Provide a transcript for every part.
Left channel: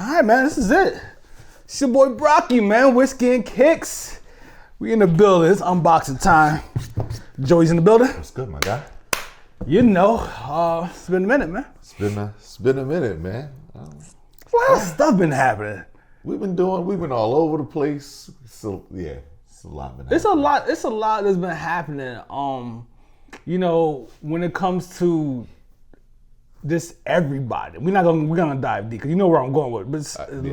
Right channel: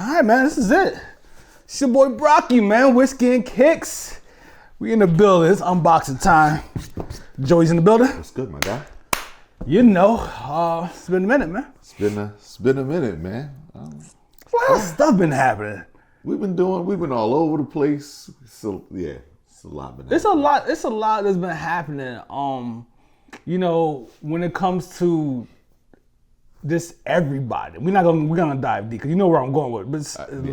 All right, man, this is it. It's your boy Brocky, man. Whiskey and Kicks. We in the building. It's unboxing time. Joey's in the building. What's good, my guy? You know, it's been a minute, man. It's been a minute, man. A lot of stuff been happening. We've been all over the place. So yeah, it's a lot been happening. It's a lot that's been happening. You know, when it comes to just everybody, we're gonna dive deep because you know where I'm going with it. But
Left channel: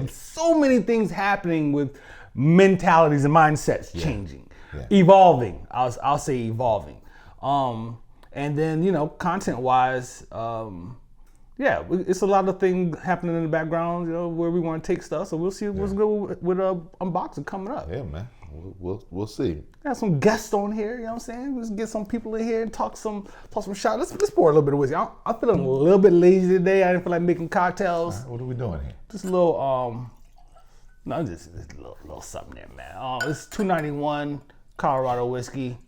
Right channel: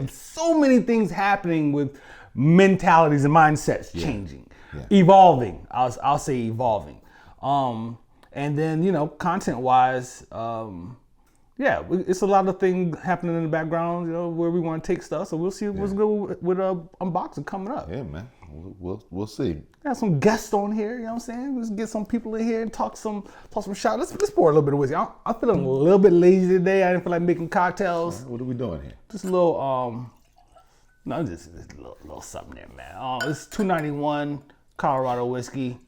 so many things happening with mentalities and mindsets changing, evolving. I'll say evolving. And then, you know, content-wise, it's a lot of things happening in the background, you know, where we want to take stuff. So we'll see what's good with unboxing coming up. Yeah, man. We'll see. Got some guests on here, you know what I'm saying? Let's get some people in here and talk some shot. Let's pour a little bit of whiskey. I'm feeling a little bit lazy today. I didn't feel like making cocktails. What are we doing here? Just a little, just a little something there, man. It's $2.91 Colorado whiskey.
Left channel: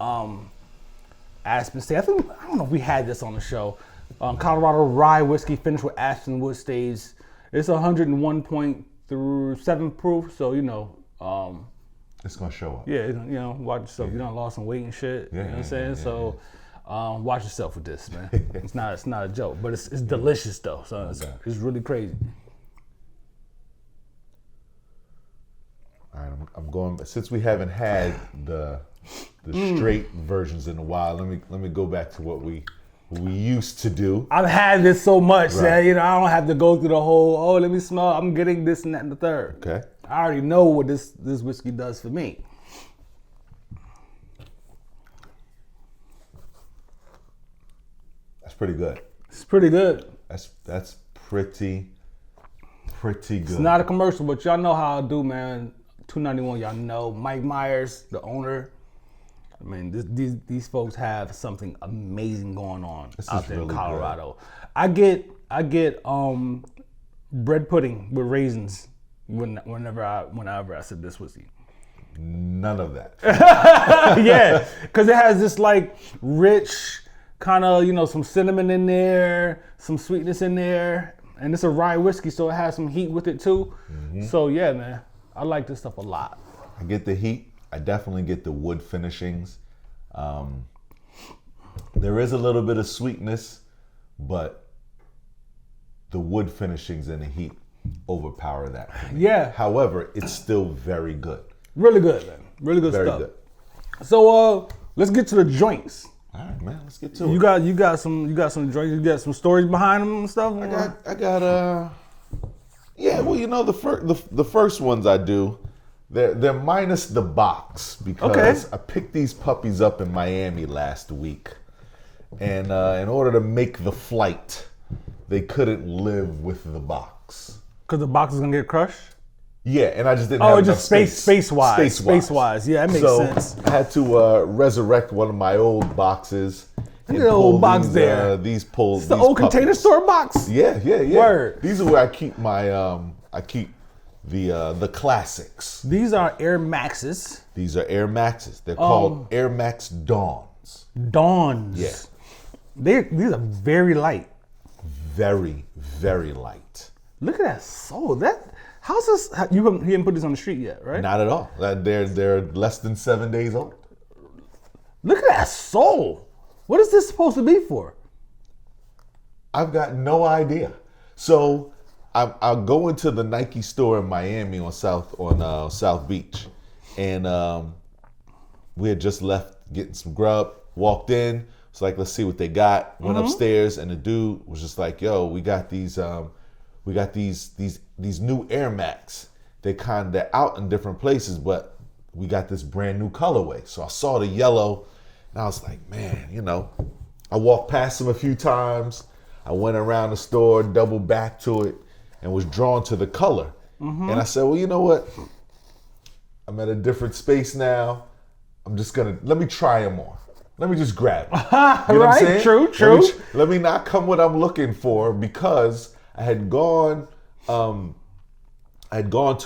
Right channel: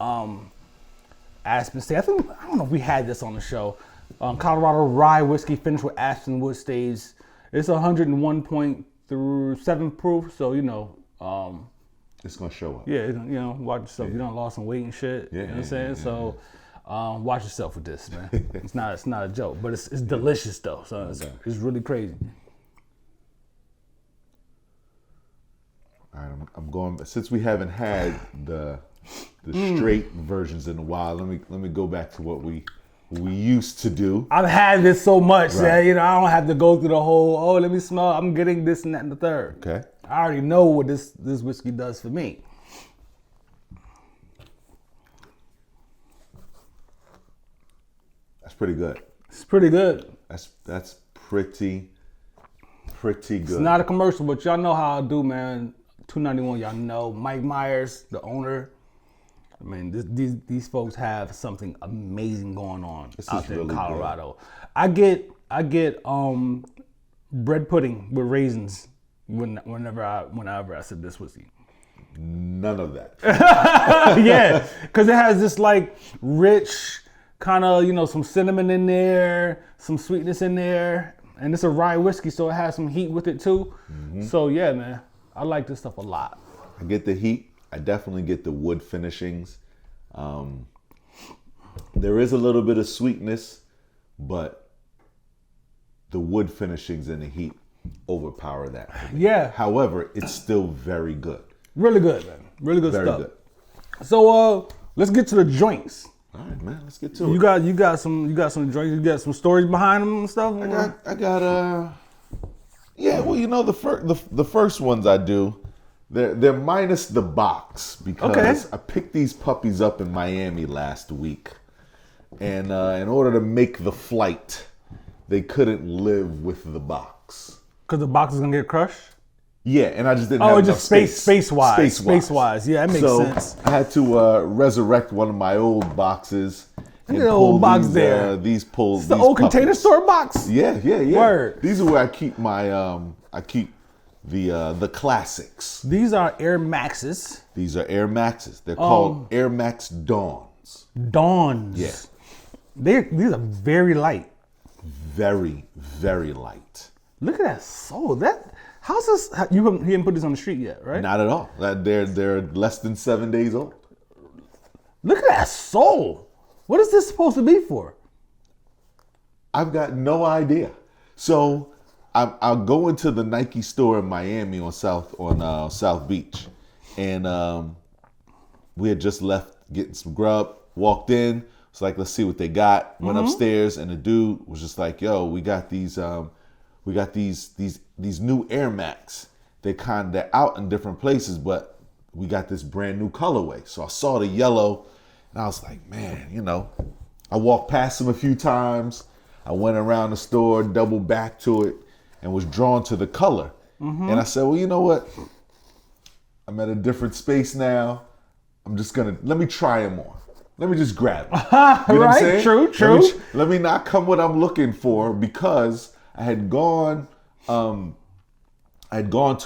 Aspen State. I don't know if we had this on the show. Colorado rye whiskey finished with Aspen wood staves. It's 101.7 proof, so you know. It's gonna show up. Yeah, you know, watch yourself. You done lost some weight and shit. Yeah, you know what I'm saying? So, watch yourself with this, man. It's not a joke, but it's delicious though. So it's really crazy. I'm going since we haven't had the straight versions in a while. Let me go back to what we used to do. I've had this so much that, you know, I don't have to go through the whole, let me smell, I'm getting this and that and the third. Okay. I already know what this whiskey does for me. That's pretty good. It's pretty good. That's pretty good. It's not a commercial, but y'all know how I do, man. $2.91, y'all know. Mike Myers, the owner. I mean, these folks have something amazing going on out there in Colorado. Good. I get bread pudding with raisins whenever I sip this whiskey. None of that. Yeah, because it has this like rich kind of, you know, some cinnamon in there, some sweetness in there, and it's a rye whiskey, so it has some heat with it too. Mm-hmm. So yeah, man, I like this stuff a lot. I get the heat. I definitely get the wood finishings. There is a little bit of sweetness, but the wood finishings and the heat overpower that. Yeah. However, it's still very good. Really good, man. Really good stuff. Good. So let's get to the joints. All right, man. Let's get to it. You got some joints. You got some stories behind them and stuff. You know, the first ones I do. They're minus the box because okay. I picked these puppies up in Miami last week, and in order to make the flight, they couldn't live with the box. Because the box is gonna get crushed. Yeah, and I just didn't. Oh, just space wise. Yeah, that makes sense. I had to resurrect one of my old boxes. Look at the old box there. These pulls. It's the old Container Store box. Yeah. Word. These are where I keep my the classics. These are Air Maxes. These are Air Maxes. They're called Air Max Dawns. Dawns. Yeah. These are very light. Very, very light. Look at that sole. How's this? You haven't put this on the street yet, right? Not at all. They're less than 7 days old. Look at that sole. What is this supposed to be for? I've got no idea. So I'm going to the Nike store in Miami on South Beach, and we had just left getting some grub. Walked in, it's like, let's see what they got. Went upstairs, and the dude was just like, "Yo, we got these new Air Max. They're out in different places, but we got this brand new colorway." So I saw the yellow, and I was like, "Man, you know." I walked past them a few times. I went around the store, doubled back to it, and was drawn to the color. Mm-hmm. And I said, well, you know what? I'm at a different space now. Let me try them on. Let me just grab it. You know right, true. Let me not come what I'm looking for, because I had gone to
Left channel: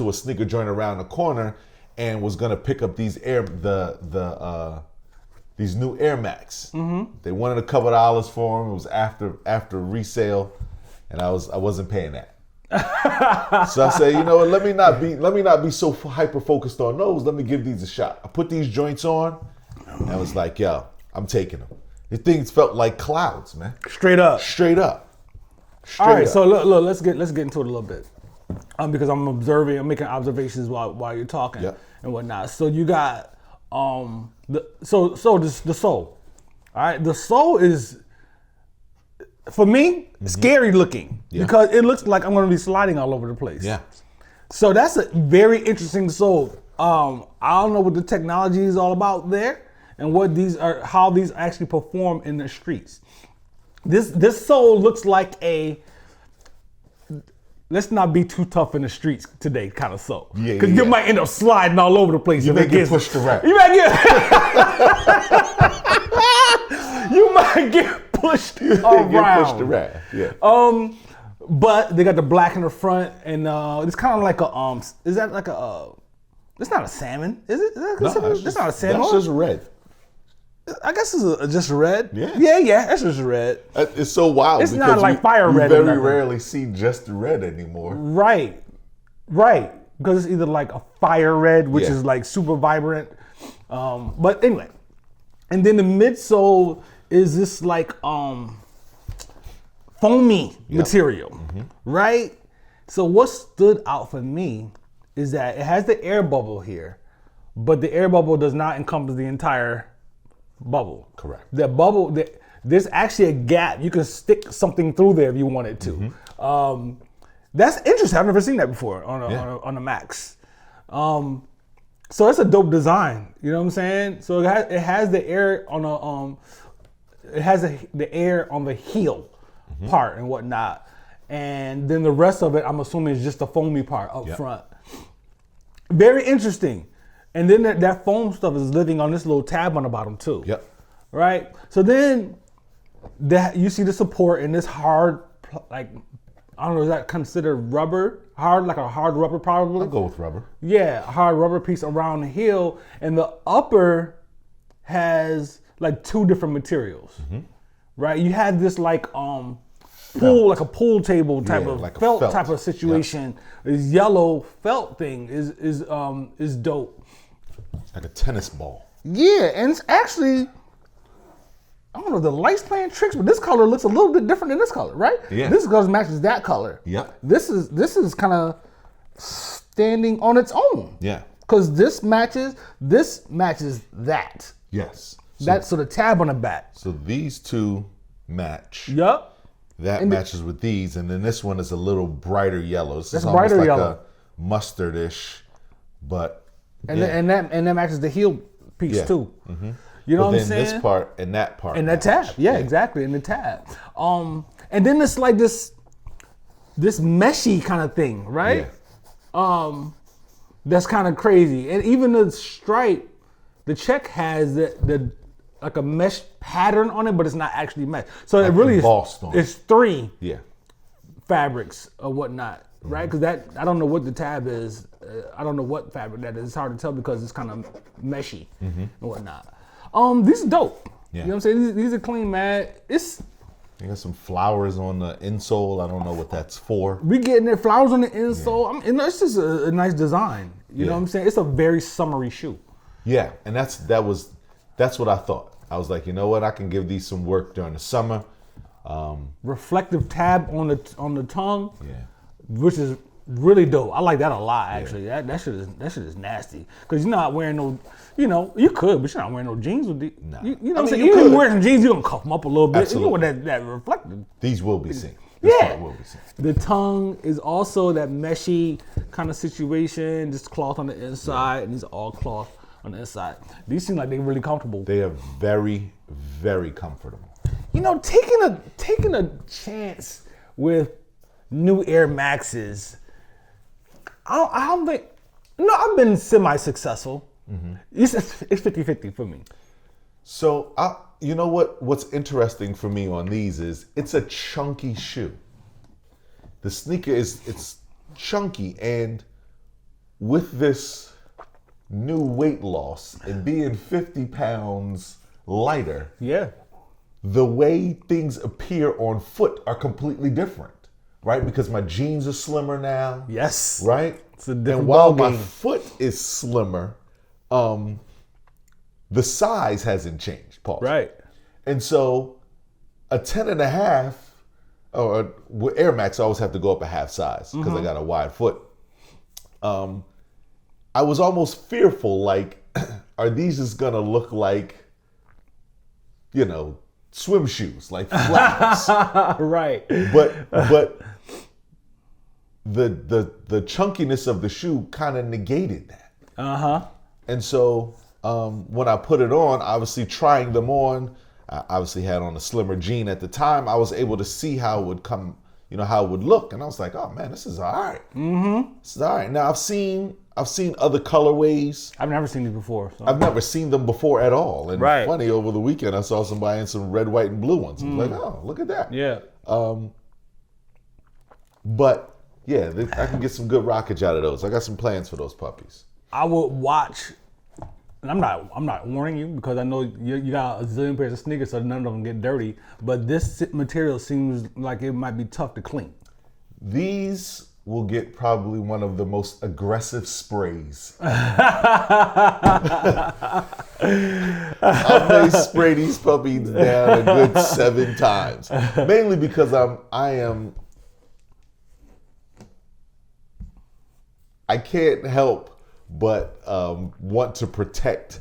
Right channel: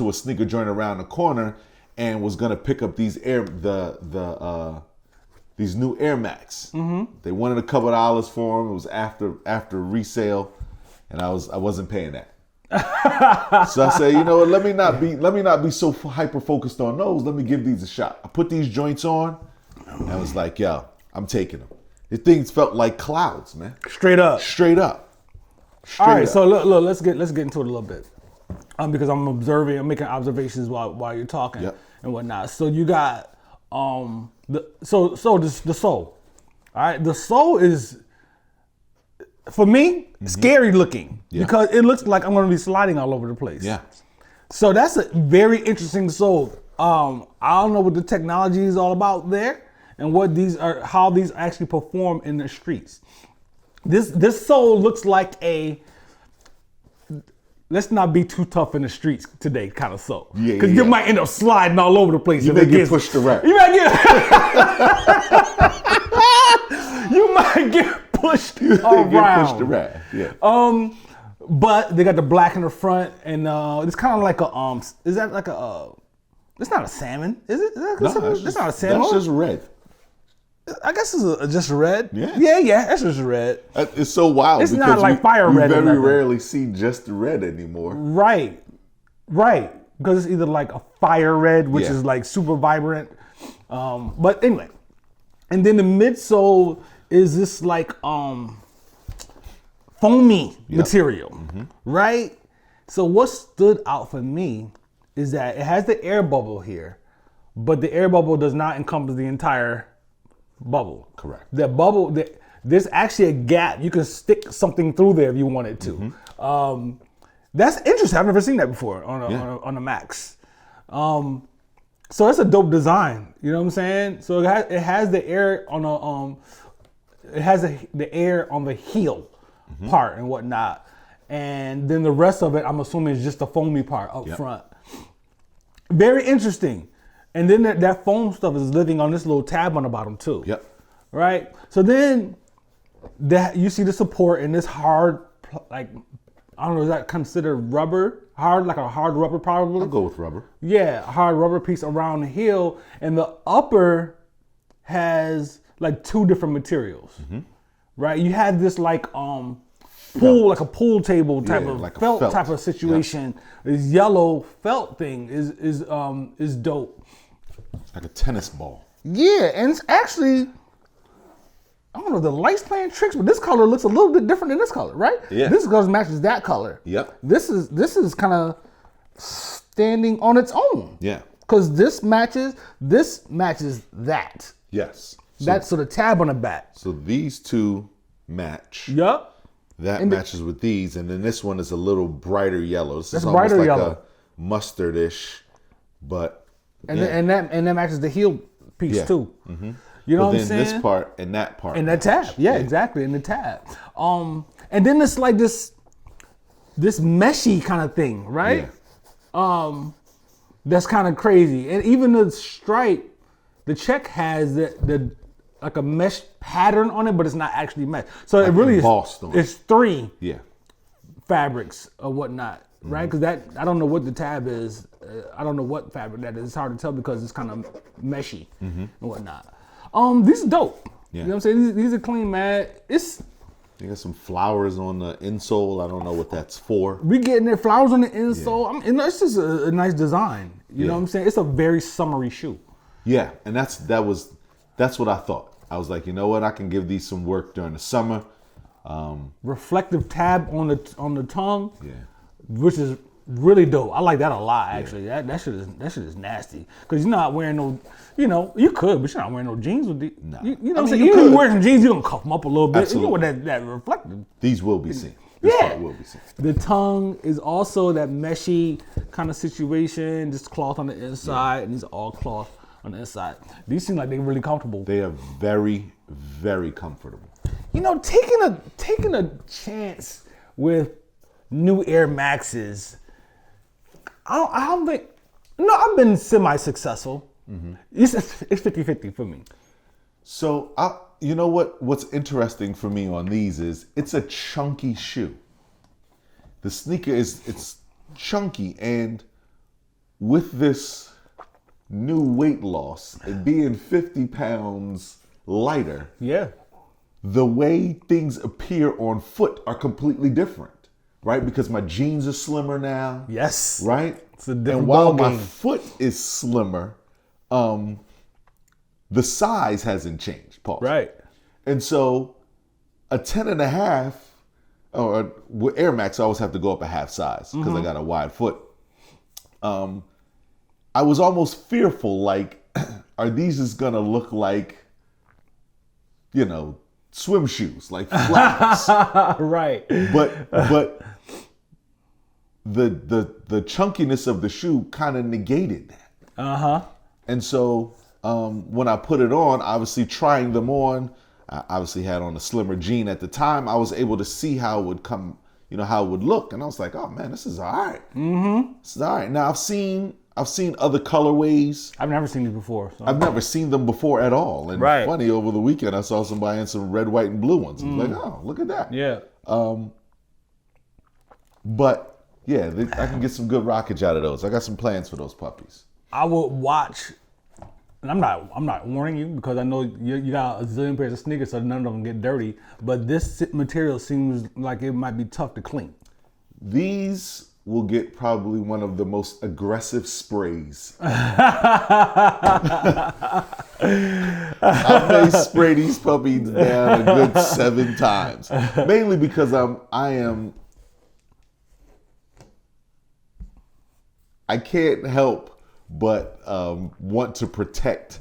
a sneaker joint around the corner and was gonna pick up these these new Air Max. Mm-hmm. They wanted a couple $2 for them. It was after resale, and I wasn't paying that. So I said, you know what, let me not be so hyper focused on those. Let me give these a shot. I put these joints on, and I was like, yeah, I'm taking them. The things felt like clouds, man. Straight up. All right, so look, let's get into it a little bit, because I'm making observations while you're talking and whatnot. So you got the sole. All right, the sole is, for me, scary looking because it looks like I'm going to be sliding all over the place. Yeah. So that's a very interesting sole. I don't know what the technology is all about there and how these actually perform in the streets. This sole looks like a let's not be too tough in the streets today kind of sole, because you might end up sliding all over the place if it gets pushed around. You might get pushed around. But they got the black in the front, and it's kind of like a is that like a it's not a salmon, is it? Is that considered? It's not a salmon. That's just red. I guess it's just red. Yeah, that's just red. It's so wild. It's not like fire red or nothing. You rarely see just red anymore. Right. Because it's either like a fire red, which is like super vibrant. But anyway, and then the midsole is this like foamy material, right? So what stood out for me is that it has the air bubble here, but the air bubble does not encompass the entire bubble. Correct. The bubble, there's actually a gap. You can stick something through there if you wanted to. That's interesting. I've never seen that before on a Max. So it's a dope design. You know what I'm saying? So it has the air on the air on the heel part and whatnot, and then the rest of it, I'm assuming, is just the foamy part up front. Very interesting. And then that foam stuff is living on this little tab on the bottom too. Yep. Right? So then you see the support in this hard, like, I don't know, is that considered rubber? Hard, like a hard rubber probably? I'll go with rubber. Yeah, a hard rubber piece around the heel. And the upper has like two different materials. Right? You have this like like a pool table type of like felt type of situation. This yellow felt thing is dope. And a tennis ball. Yeah, and it's actually, I don't know, the light's playing tricks, but this color looks a little bit different than this color, right? Yeah. This color matches that color. Yep. This is kind of standing on its own. Yeah. Because this matches that. Yes. So the tab on the back. So these two match. Yup. That matches with these, and then this one is a little brighter yellow. So that's brighter like yellow, mustardish, but and that matches the heel piece too. You know what I'm saying? This part and that part and that tab, yeah, exactly, in the tab. And then it's like this meshy kind of thing, right? Yeah. That's kind of crazy, and even the stripe, the check has the like a mesh pattern on it, but it's not actually mesh. So it really is. It's three fabrics or whatnot, right? Because I don't know what the tab is. I don't know what fabric that is. It's hard to tell because it's kind of meshy and whatnot. These are dope. You know what I'm saying? These are clean, man. They got some flowers on the insole. I don't know what that's for. We getting there, flowers on the insole. It's just a nice design. You know what I'm saying? It's a very summery shoe. Yeah, and that's what I thought. I was like, you know what? I can give these some work during the summer. Reflective tab on the tongue, which is really dope. I like that a lot, actually. That shit is nasty. Because you're not wearing no, you could, but you're not wearing no jeans with the. You know what I'm saying? Even if you wear some jeans, you're gonna cuff them up a little bit. Absolutely. And you know what that reflective. These will be seen. Yeah. The tongue is also that meshy kind of situation, just cloth on the inside, and these are all cloth on the inside. These seem like they're really comfortable. They are very, very comfortable. Taking a chance with new Air Maxes, I don't think, I've been semi-successful. It's 50-50 for me. So, you know what's interesting for me on these is it's a chunky shoe. The sneaker it's chunky, and with this new weight loss and being 50 pounds lighter, yeah, the way things appear on foot are completely different. right? Because my jeans are slimmer now. Yes. Right? It's a different And ball while game. my foot is slimmer, the size hasn't changed, Paul. Right. And so a 10.5, or with Air Max, I always have to go up a half size because I got a wide foot. I was almost fearful, like, are these just gonna look like, you know, swim shoes, like Right. But the chunkiness of the shoe kind of negated that. And so when I put it on, obviously trying them on, I obviously had on a slimmer jean at the time. I was able to see how it would come, you know, how it would look, and I was like, oh man, this is all right. It's all right. Now I've seen other colorways. I've never seen these before. So. I've never seen them before at all. And Right. it's funny, over the weekend I saw somebody in some red, white, and blue ones. Like, oh, look at that. Yeah. But yeah, I can get some good rockage out of those. I got some plans for those puppies. I would watch, and I'm not warning you because I know you got a zillion pairs of sneakers, so none of them get dirty. But this material seems like it might be tough to clean. These will get probably one of the most aggressive sprays. Spray these puppies down a good 7 times. Mainly because I can't help but want to protect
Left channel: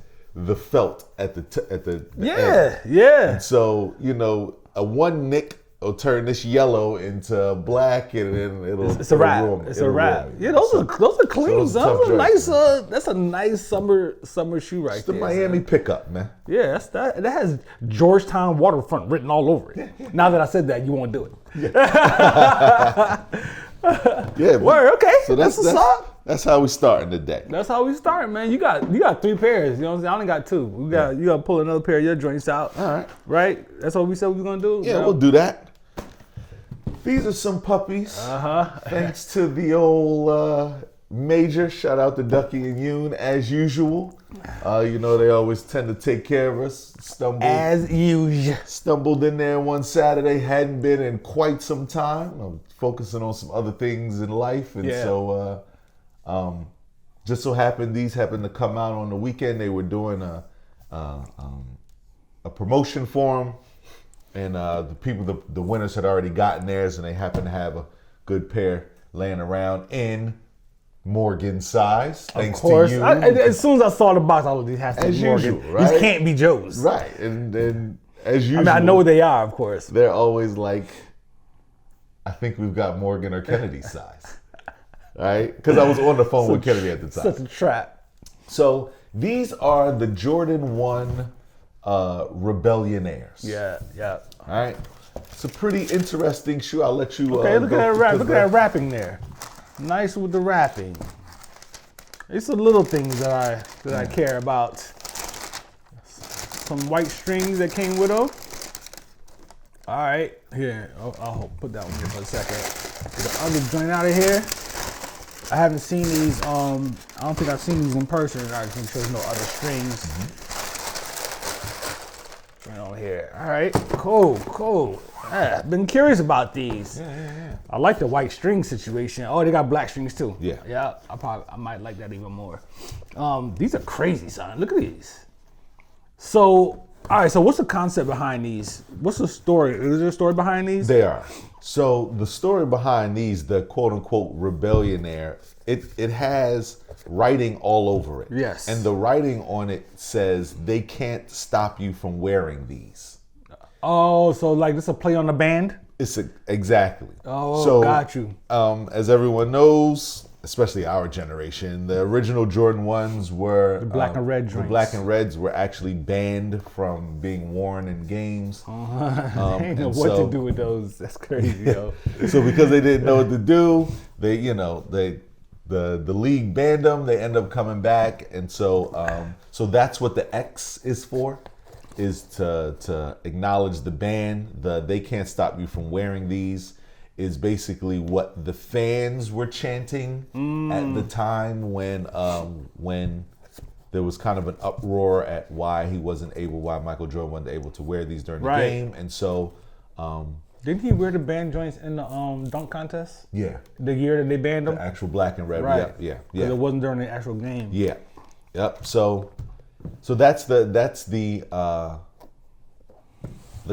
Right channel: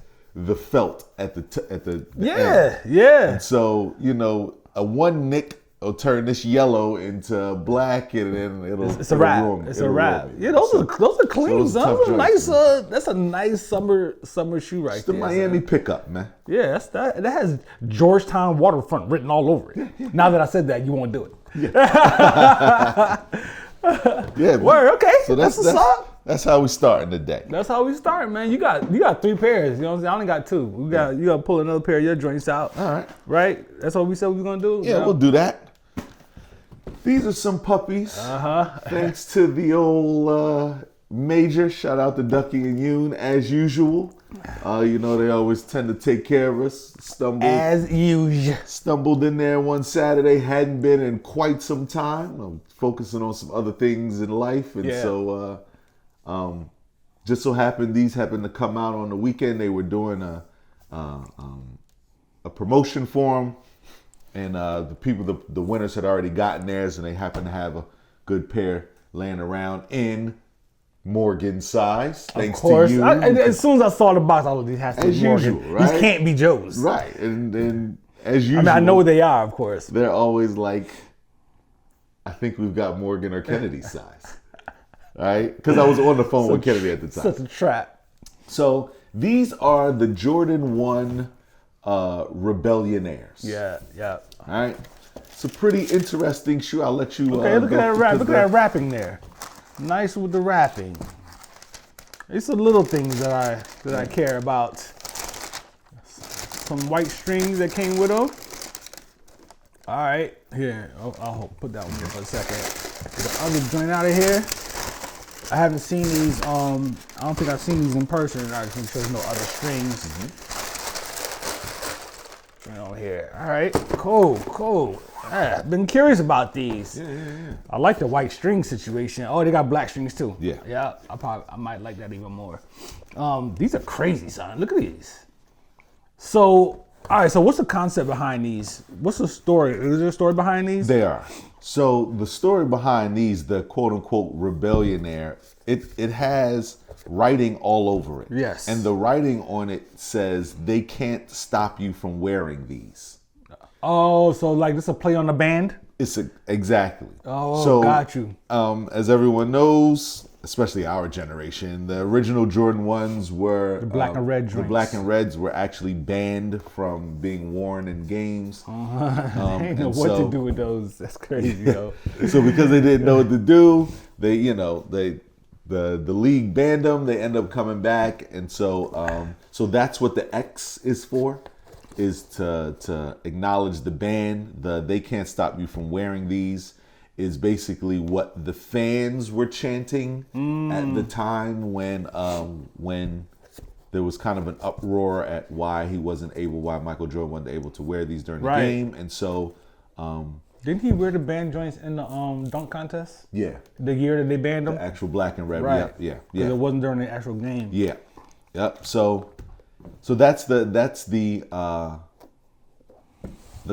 the felt at the Yeah. So, you know, a one nick will turn this yellow into black, and then It's a wrap. It's a wrap. Yeah, those are clean, son. Those are nice. That's a nice summer shoe right there. Miami son. pickup, man. Yeah, that has Georgetown waterfront written all over it. Now that I said that, you won't do it. Word. Okay, that's what's up. That's how we started today. That's how we start, man. You got 3 pairs. You know what I'm saying? I only got 2. You got to pull another pair of your joints out, right? That's what we said we were gonna do. Yeah, we'll do that. These are some puppies. Thanks to the old major. Shout out to Ducky and Yoon as usual. You know they always tend to take care of us. As usual. Stumbled in there one Saturday. Hadn't been in quite some time. I'm focusing on some other things in life, and so. Just so happened these happened to come out on the weekend. They were doing a promotion for them, and the winners had already gotten theirs, and they happened to have a good pair laying around in Morgan size. Of course. As soon as I saw the box, I was like, these has to be Morgan. Usual, right? These can't be Joe's. Right, and as usual, I mean, I know what they are, of course. They're always like, I think we've got Morgan or Kennedy size. Right? Because I was on the phone with Kennedy at the time. Such a trap. So these are the Jordan 1 Rebellionaires. Yeah. All right. It's a pretty interesting shoe. I'll let you. Okay, look at that wrap. Look at that wrapping there. Nice with the wrapping. It's the little things that I care about. Some white strings that came with them. All right, here. I'll put that one here for a second. Get the other joint out of here. I haven't seen these. I don't think I've seen these in person. I just make sure there's no other strings. Joint on here. All right, cool. Been curious about these. I like the white string situation. Oh, they got black strings too. Yeah. I might like that even more. These are crazy, son. Look at these. So, all right. So, what's the concept behind these? What's the story? Is there a story behind these? They are. So the story behind these, the quote unquote Rebellionaire, it has writing all over it. Yes. And the writing on it says they can't stop you from wearing these. Oh, so like this is a play on the band? Exactly. Oh, so, got you. As everyone knows, especially our generation, the original Jordan 1s were... The black and red drinks. The black and reds were actually banned from being worn in games. They ain't know what to do with those. That's crazy, yo. So because they didn't know what to do, the league banned them. They end up coming back, and so that's what the X is for, is to acknowledge the ban. They can't stop you from wearing these is basically what the fans were chanting at the time when there was kind of an uproar at why Michael Jordan wasn't able to wear these during the game, and so Didn't he wear the band joints in the dunk contest? Yeah. The year that they banned them? The actual black and red. Right. Yeah. Because it wasn't during the actual game. Yeah. Yep. So that's the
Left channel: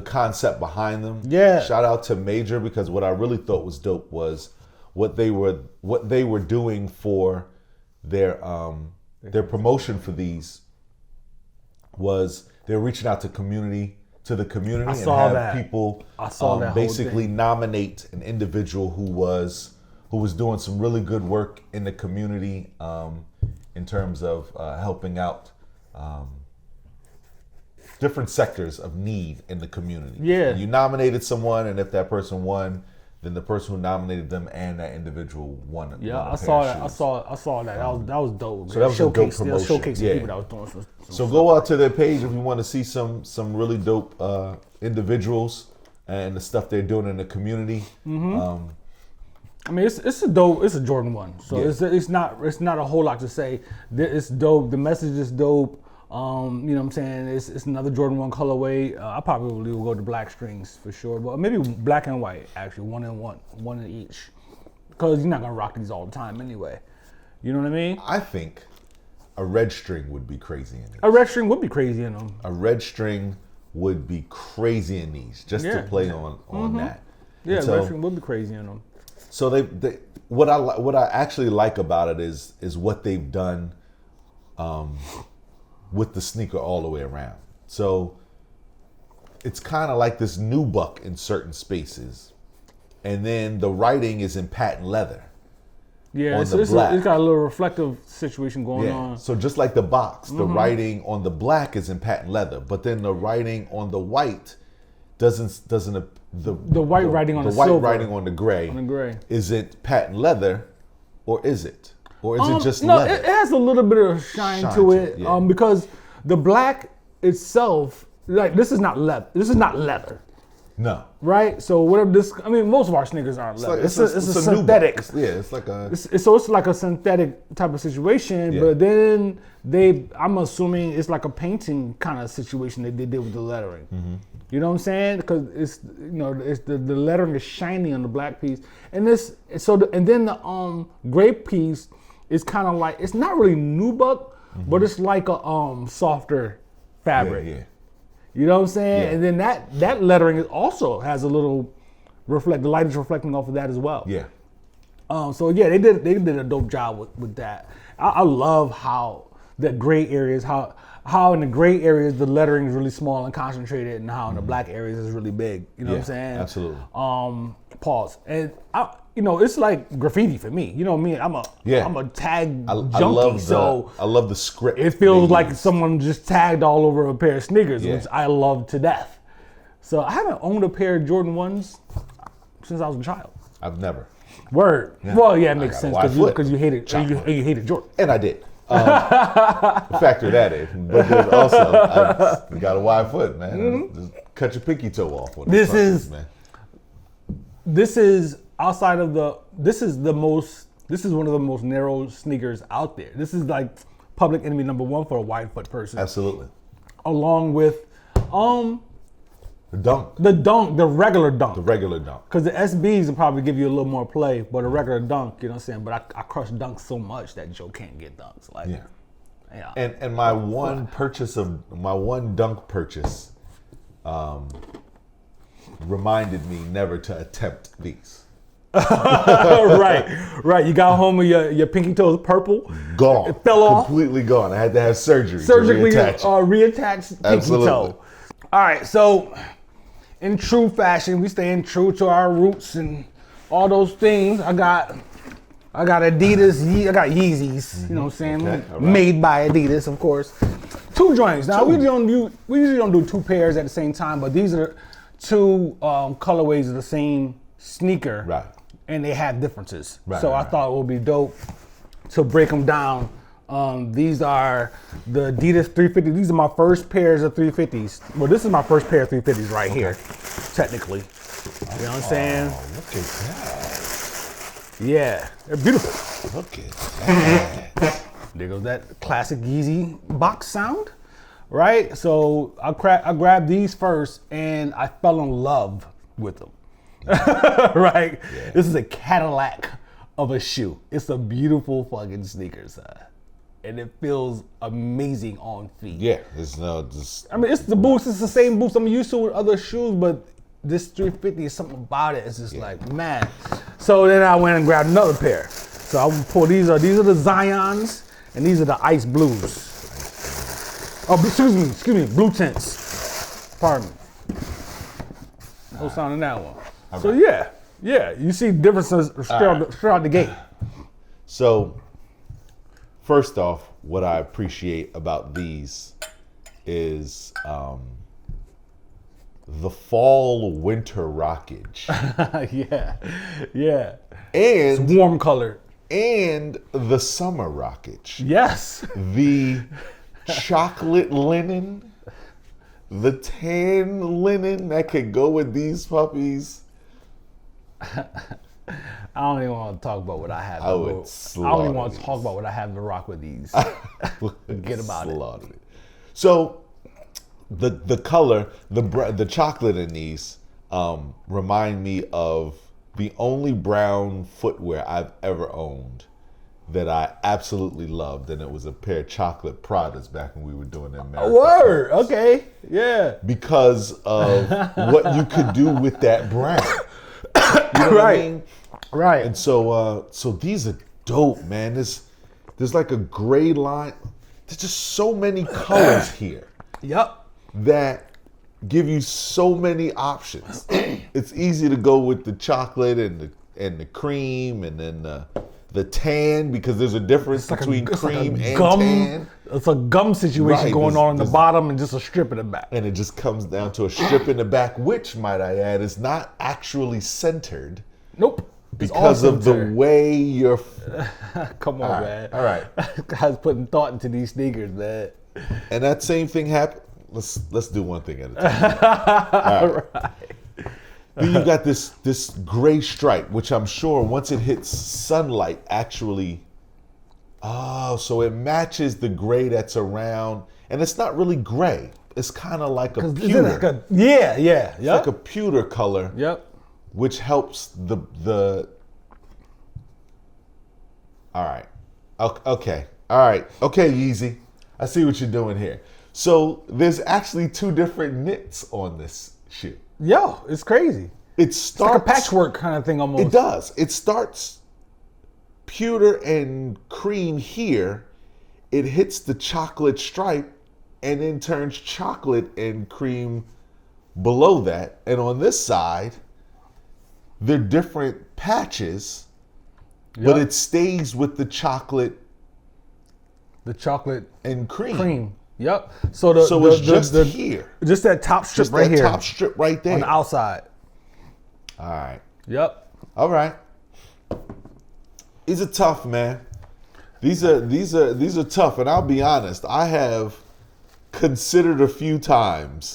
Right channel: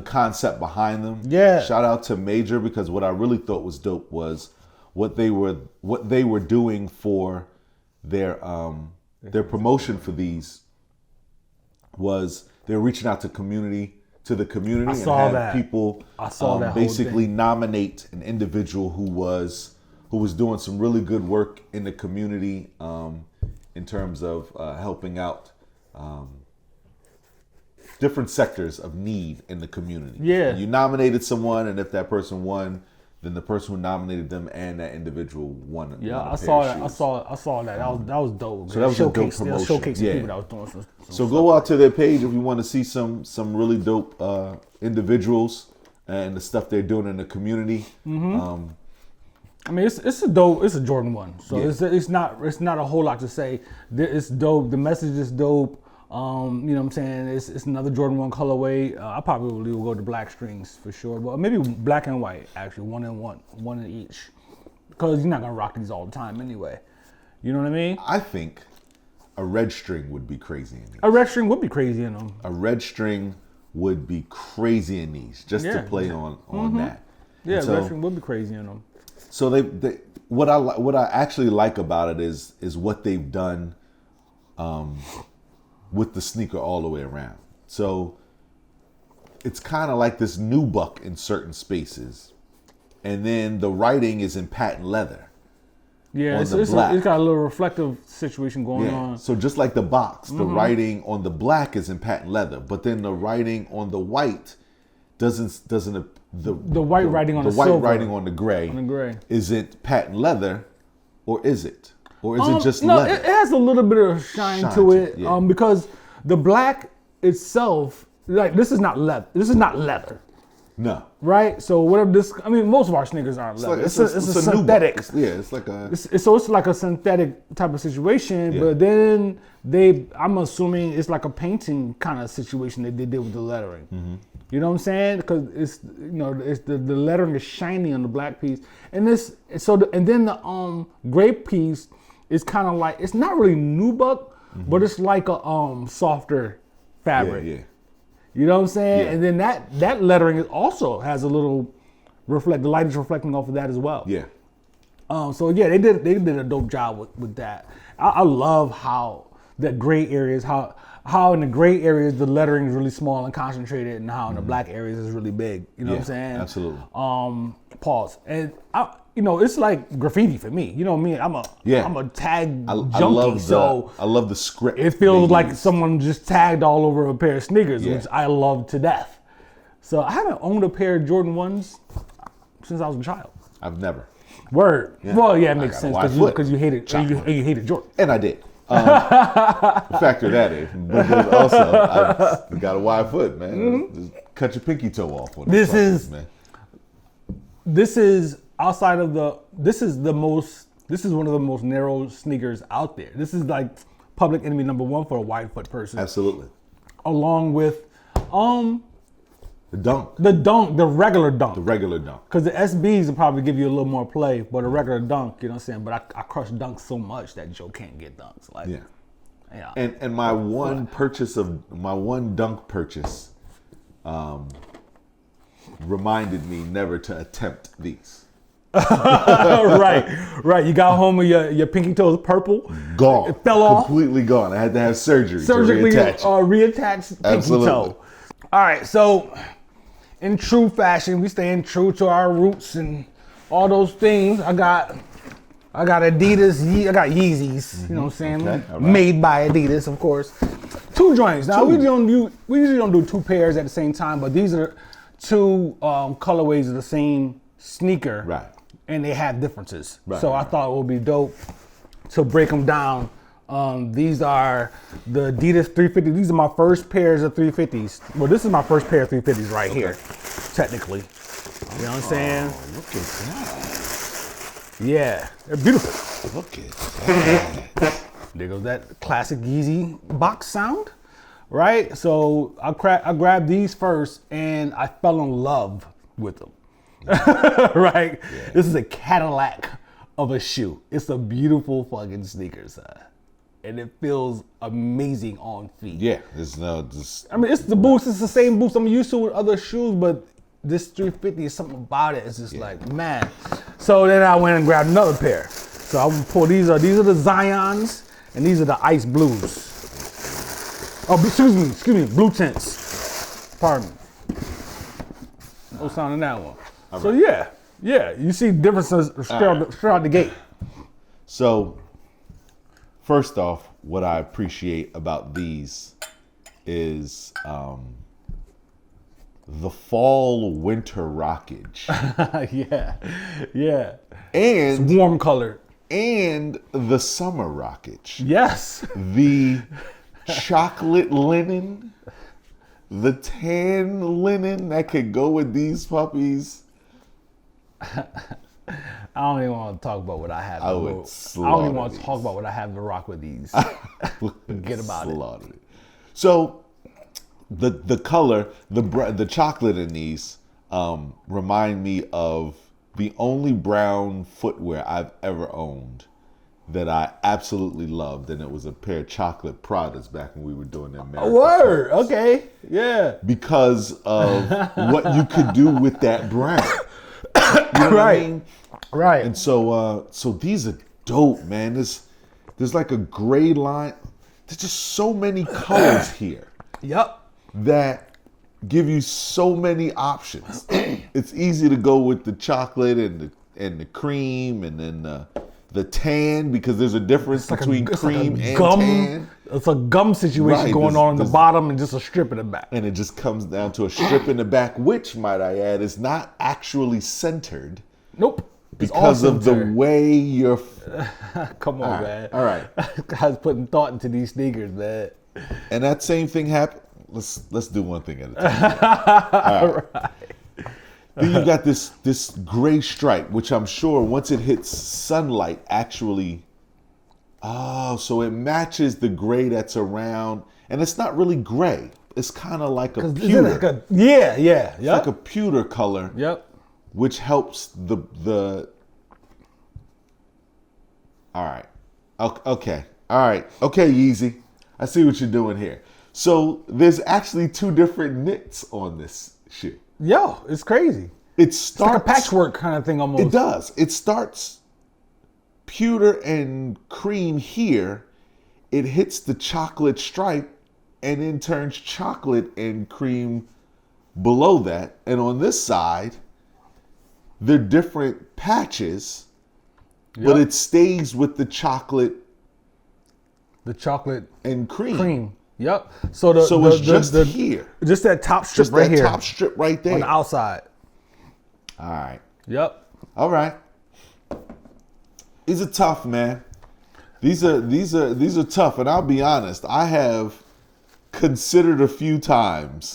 concept behind them. Yeah. Shout out to Major, because what I really thought was dope was what they were doing for their promotion for these was they're reaching out to the community. I saw that. People I saw that whole basically thing. Nominate an individual who was doing some really good work in the community in terms of helping out different sectors of need in the community. Yeah. You nominated someone, and if that person won, then the person who nominated them and that individual won. Yeah, I saw that. I saw that. That was dope. So that was They're showcasing yeah. people that was doing some So stuff go out like to their page if you want to see some really dope individuals and the stuff they're doing in the community. I mean, it's a dope. It's a Jordan 1, so Yeah. it's not a whole lot to say. It's dope. The message is dope. You know what I'm saying? It's another Jordan 1 colorway. I probably will go to black strings for sure, but maybe black and white actually, one in each, because you're not gonna rock these all the time anyway. You know what I mean? I think a red string would be crazy in these. A red string would be crazy in them. A red string would be crazy in these, just Yeah. to play on that. Yeah, So- red string would be crazy in them. So what I actually like about it is what they've done with the sneaker all the way around. So it's kind of like this nubuck in certain spaces, and then the writing is in patent leather. Yeah, it's black. got a little reflective situation going on. So just like the box, the writing on the black is in patent leather, but then the writing on the white doesn't The white writing on the white silver. writing on the gray. On the gray. Is it patent leather, or is it? Or is it just no, leather? it has a little bit of shine to it, yeah. because the black itself, like this is not leather. This is not leather, No. right? So whatever this, I mean, most of our sneakers aren't leather. It's a synthetic. It's like a. It's like a synthetic type of situation, Yeah. but then I'm assuming it's like a painting kind of situation that they did with the lettering. Mm-hmm. You know what I'm saying? Because it's the lettering is shiny on the black piece, and then the gray piece is kind of like, it's not really nubuck, but it's like a softer fabric. Yeah. You know what I'm saying? And then that lettering also has a little the light is reflecting off of that as well. Yeah. So yeah, they did a dope job with that. I love how the gray areas, how in the gray areas the lettering is really small and concentrated, and how in the black areas is really big. You know what I'm saying? Absolutely. Pause. And it's like graffiti for me. You know me, I'm a tag junkie, so I love the script. it feels like someone just tagged all over a pair of sneakers, which I love to death. So I haven't owned a pair of Jordan 1s since I was a child. I've never. Word. Yeah. Well, yeah, it makes sense Why would? because you hated you hated Jordan. And I did. Factor that in. You got a wide foot, man. Just cut your pinky toe off. This is outside of this is one of the most narrow sneakers out there. This is like public enemy number 1 for a wide foot person. Absolutely. Along with The dunk. the regular dunk. The regular dunk. Because the SBs will probably give you a little more play, but a regular dunk, you know what I'm saying? But I crush dunks so much that Joe can't get dunks. Like, yeah. And my one dunk purchase reminded me never to attempt these. right. You got home with your pinky toes purple. Gone. It fell off. Completely gone. I had to have surgery. Surgically Reattached. reattached pinky Absolutely. toe. All right, so in true fashion, we staying true to our roots and all those things. I got Adidas, I got Yeezys, you know what I'm saying? Okay. Made by Adidas, of course. 2 joints. Now we usually don't do 2 pairs at the same time, but these are 2 colorways of the same sneaker, Right. and they have differences. Right, So I right. thought it would be dope to break them down. These are the Adidas 350. These are my first pairs of 350s. Well, this is my first pair of 350s right here, technically. You know what I'm saying? Yeah, they're beautiful. There goes that classic Yeezy box sound, right? So I grabbed these first, and I fell in love with them. Right? This is a Cadillac of a shoe. It's a beautiful fucking sneaker, son. And it feels amazing on feet. Yeah. I mean, it's the boots. It's the same boots I'm used to with other shoes, but this 350 is something about it. It's just like, man. So then I went and grabbed another pair. So I'm gonna pull these are the Zyons, and these are the ice blues. Oh, excuse me, blue tints. Pardon me. No sound in that one. So yeah, you see differences straight out the gate. So, first off, what I appreciate about these is the fall-winter rockage. yeah. And It's warm colored. And the summer rockage. Yes. The chocolate linen, the tan linen that could go with these puppies. I don't even want to talk about what I have to go. I don't even want to talk about what I have to rock with these. Forget about it. So the color, the chocolate in these remind me of the only brown footwear I've ever owned that I absolutely loved, and it was a pair of chocolate Pradas back when we were doing them. A word, okay, yeah. Because of what you could do with that brown. Right. And so these are dope, man. There's like a gray line. There's just so many colors here. Yep. That give you so many options. It's easy to go with the chocolate and the cream, and then the tan, because there's a difference. It's like a gum. Tan. It's a gum situation going on in the bottom and just a strip in the back. And it just comes down to a strip in the back, which, might I add, is not actually centered. Nope. It's all centered. The way you're. Come on, man. All right. Guys putting thought into these sneakers, man. And that same thing happened. Let's do one thing at a time. All right. You've got this gray stripe, which I'm sure once it hits sunlight, actually, so it matches the gray that's around, and it's not really gray. It's kind of like a is it like a yep, like a pewter color, yep, which helps the. All right, okay, Yeezy, I see what you're doing here. So there's actually two different knits on this shoe. Yo, it's crazy. It's like a patchwork kind of thing almost. It does. It starts pewter and cream here. It hits the chocolate stripe and then turns chocolate and cream below that. And on this side, they're different patches, but it stays with the chocolate. The chocolate and cream. Yep. So the just that top strip right here. Top strip right there. On the outside. All right. Yep. All right. These are tough, man. These are tough, and I'll be honest. I have considered a few times.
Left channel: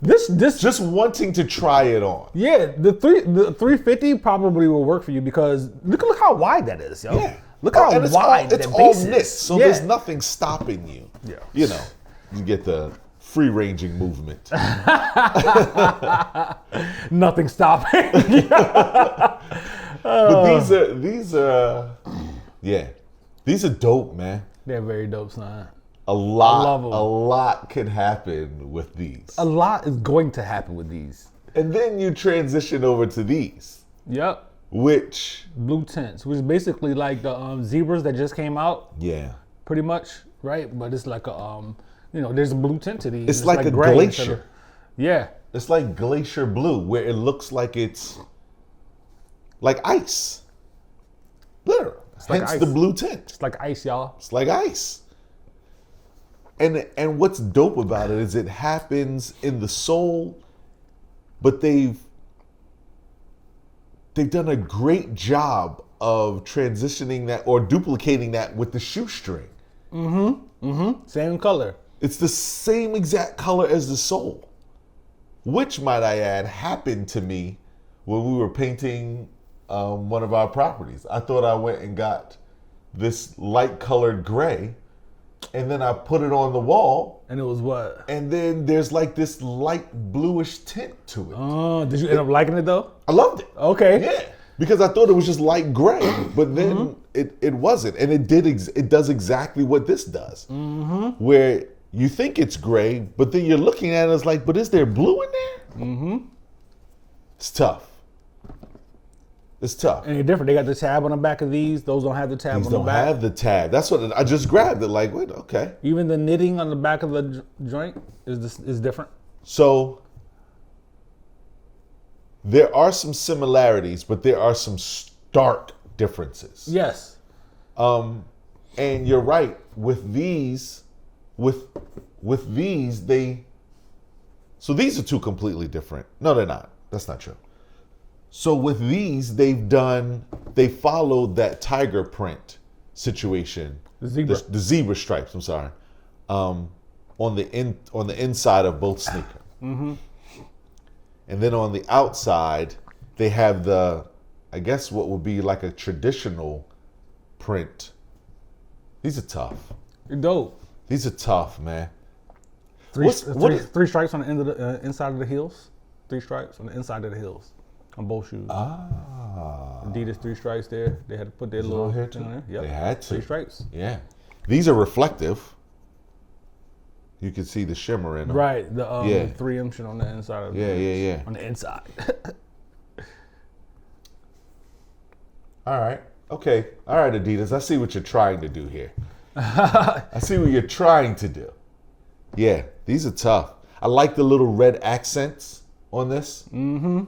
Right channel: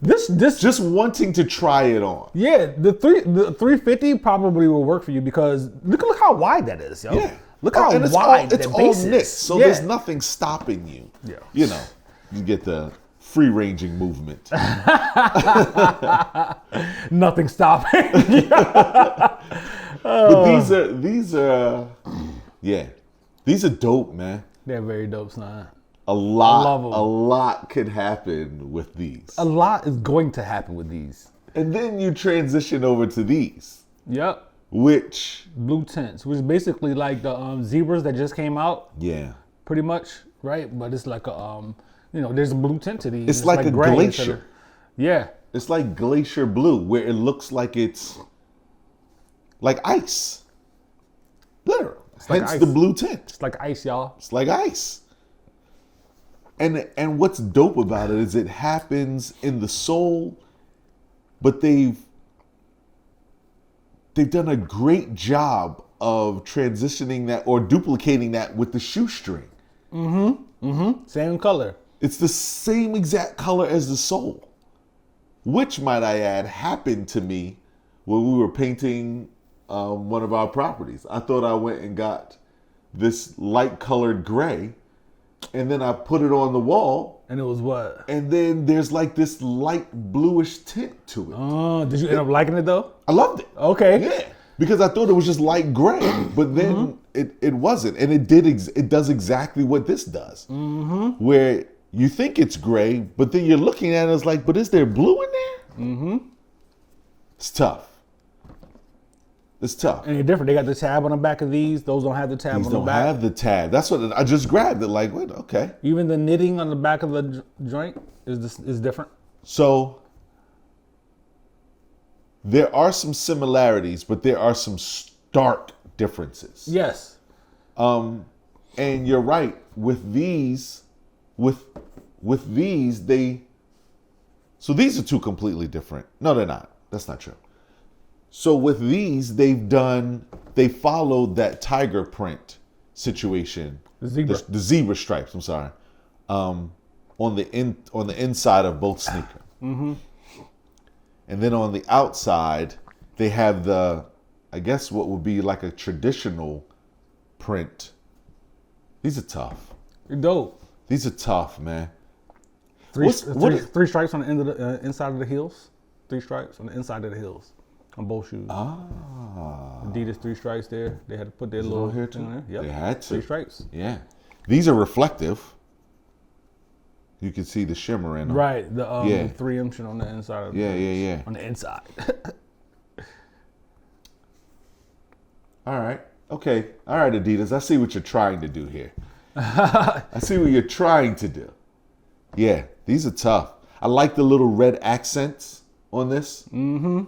This just wanting to try it on. Yeah, the 350 probably will work for you because look how wide that is, yo. Yeah. Look how wide that base is. So there's nothing stopping you. Yeah. You know, you get the free ranging movement. Nothing stopping. These are dope, man. They're very dope, son. I love them. A lot could happen with these. A lot is going to happen with these. And then you transition over to these. Yep. Which blue tints, which is basically like the zebras that just came out. Yeah. Pretty much, right? But it's like a there's a blue tint to these. It's like gray instead of. Yeah. It's like glacier blue, where it looks like it's like ice. There. It's like ice. The blue tint. It's like ice, y'all. It's like ice. And what's dope about it is it happens in the sole, but they've done a great job of transitioning that or duplicating that with the shoestring. Same color. It's the same exact color as the sole, which, might I add, happened to me when we were painting one of our properties. I thought I went and got this light colored gray, and then I put it on the wall. And it was what? And then there's like this light bluish tint to it. Oh, did you end up liking it though? I loved it. Okay. Yeah, because I thought it was just light gray, but then it wasn't, and it does exactly what this does. Mm-hmm. Where you think it's gray, but then you're looking at it, it's like, but is there blue in there? Mm-hmm. It's tough. It's tough. And it's different. They got the tab on the back of these. Those don't have the tab on the back. Have the tab. That's what I just grabbed it. Like, wait, okay. Even the knitting on the back of the joint is different. So there are some similarities, but there are some stark differences. Yes. And you're right. With these, so these are two completely different. No, they're not. That's not true. So with these, they followed that tiger print situation. The zebra. The zebra stripes. I'm sorry. On the inside of both sneakers. Mm-hmm. And then on the outside, they have I guess what would be like a traditional print. These are tough. You're dope. These are tough, man. Three stripes on the end of the inside of the heels. 3 stripes on the inside of the heels on both shoes. Ah. Adidas 3 stripes there. They had to put their little thing on there. Yep. They had to. 3 stripes. Yeah. These are reflective. You can see the shimmer in them. Right. The 3M shit on the inside of the Yeah. on the inside. All right. Okay. All right, Adidas. I see what you're trying to do here. I see what you're trying to do. Yeah. These are tough. I like the little red accents on this. Mm-hmm.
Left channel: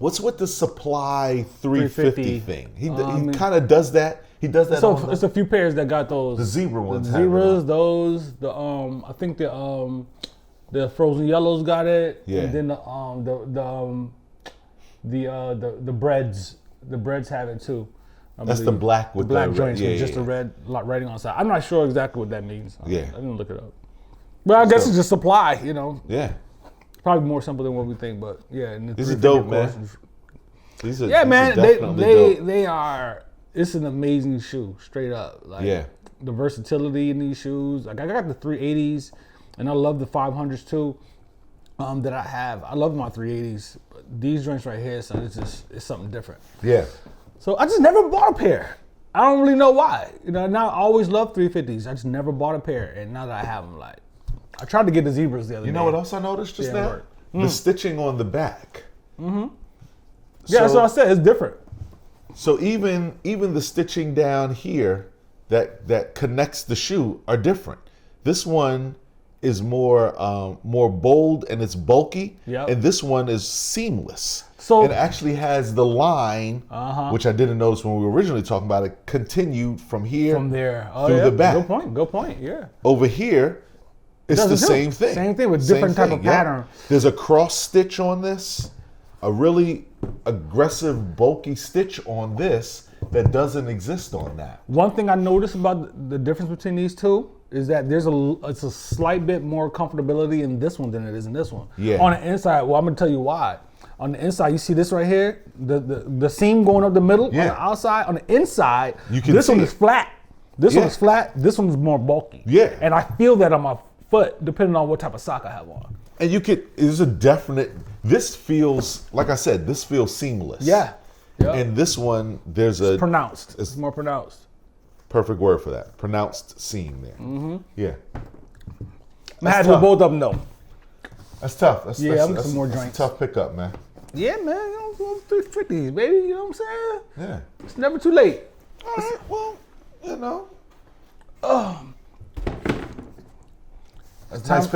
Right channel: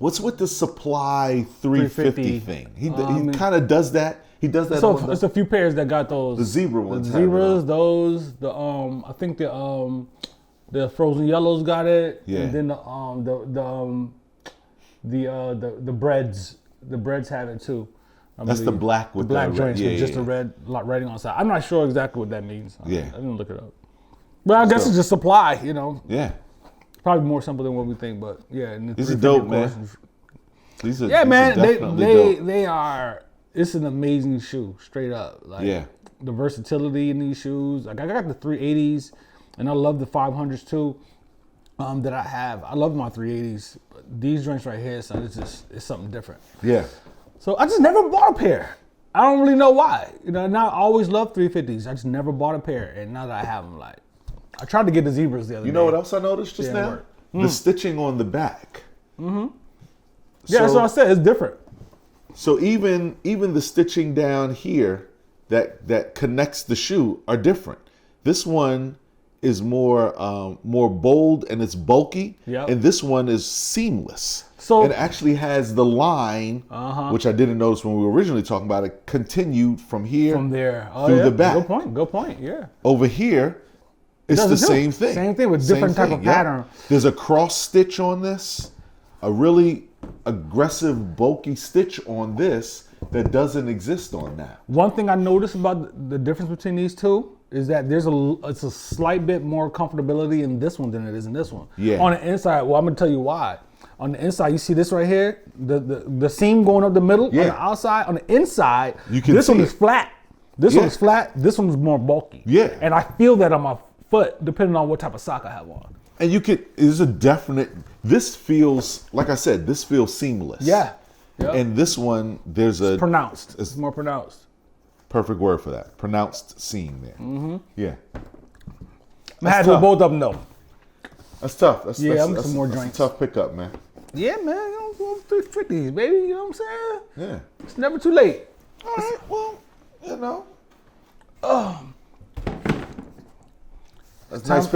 What's with the Supply 350 thing? He kind of does that. He does that. So it's a few pairs that got those. The zebra ones. The zebras, those. The I think the frozen yellows got it, and then the breads. The breads have it too. I That's believe. the black joints with just the red writing on the side. I'm not sure exactly what that means. I didn't look it up. But I guess it's just supply, you know. Yeah. Probably more simple than what we think, but yeah, and the 350 of course. Yeah, man, they are. It's an amazing shoe, straight up. Like the versatility in these shoes. Like I got the 380s, and I love the 500s too. That I have. I love my 380s, but these joints right here, son, it's something different. Yeah. So I just never bought a pair. I don't really know why. You know, and I always loved 350s. I just never bought a pair, and now that I have them, like. I tried to get the zebras the other day. You know what else I noticed just now? Work. The stitching on the back. Mm-hmm. Yeah, that's what I said. It's different. So even the stitching down here that connects the shoe are different. This one is more bold and it's bulky. Yep. And this one is seamless. So it actually has the line, which I didn't notice when we were originally talking about it, continued from here. From there. Oh through yeah. the back. Good point. Yeah. Over here. It does it too. Same thing with different type of pattern. There's a cross stitch on this, a really aggressive, bulky stitch on this that doesn't exist on that. One thing I noticed about the difference between these two is that it's a slight bit more comfortability in this one than it is in this one. Yeah. On the inside, well, I'm gonna tell you why. On the inside, you see this right here, the seam going up the middle. Yeah. On the outside, on the inside, this one is flat. This one is flat. This one is more bulky. Yeah. And I feel that on my foot, depending on what type of sock I have on. And there's a definite, this feels, like I said, this feels seamless. Yeah. Yep. And this one, it's pronounced. It's more pronounced. Perfect word for that. Pronounced seam. Mm-hmm. Yeah. I'm happy with both of them though. That's tough. I'm getting some more joints. Tough pickup, man. Yeah, man. You know, 350s, baby. You know what I'm saying? Yeah. It's never too late. You know. Time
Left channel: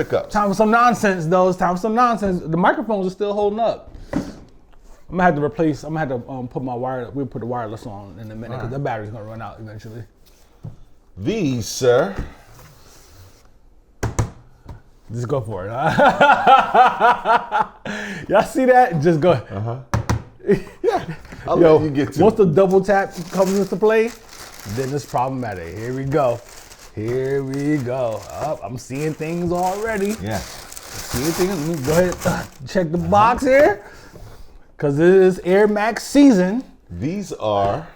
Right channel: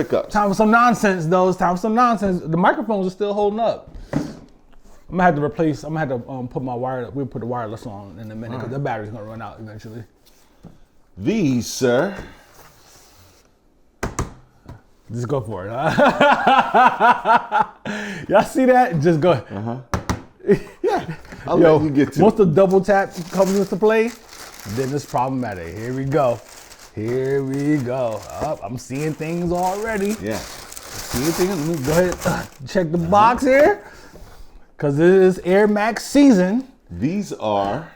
for some nonsense, though. It's time for some nonsense. The microphones are still holding up. I'm gonna have to put my wireless. We'll put the wireless on in a minute because the battery's gonna run out eventually. These, sir. Just go for it. Y'all see that? Just go. Yo, once the double tap comes into play, then it's problematic. Here we go. I'm seeing things already. Yeah. Seeing things. Let me go ahead check the box here. Because it is Air Max season. These are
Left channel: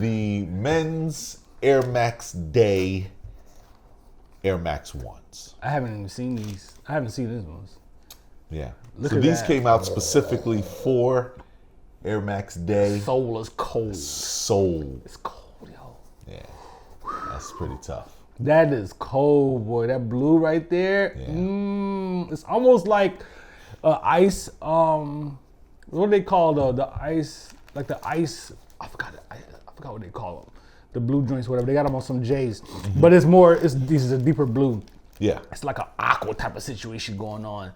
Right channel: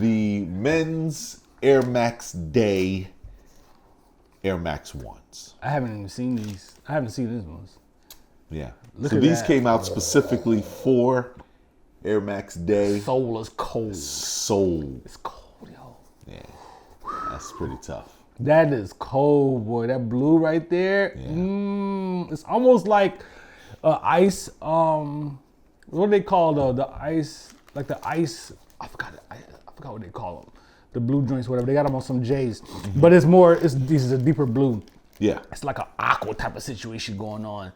the men's Air Max Day Air Max 1s. I haven't even seen these. I haven't seen these ones. Yeah. Look at these that. These came out specifically for Air Max Day. Soul is cold. Soul. It's cold, yo. Yeah. It's pretty tough. That is cold, boy. That blue right there. It's almost like ice. What do they call the ice? Like the ice. I forgot what they call them. The blue joints, whatever. They got them on some J's, but it's more. This is a deeper blue. Yeah. It's like an aqua type of situation going on.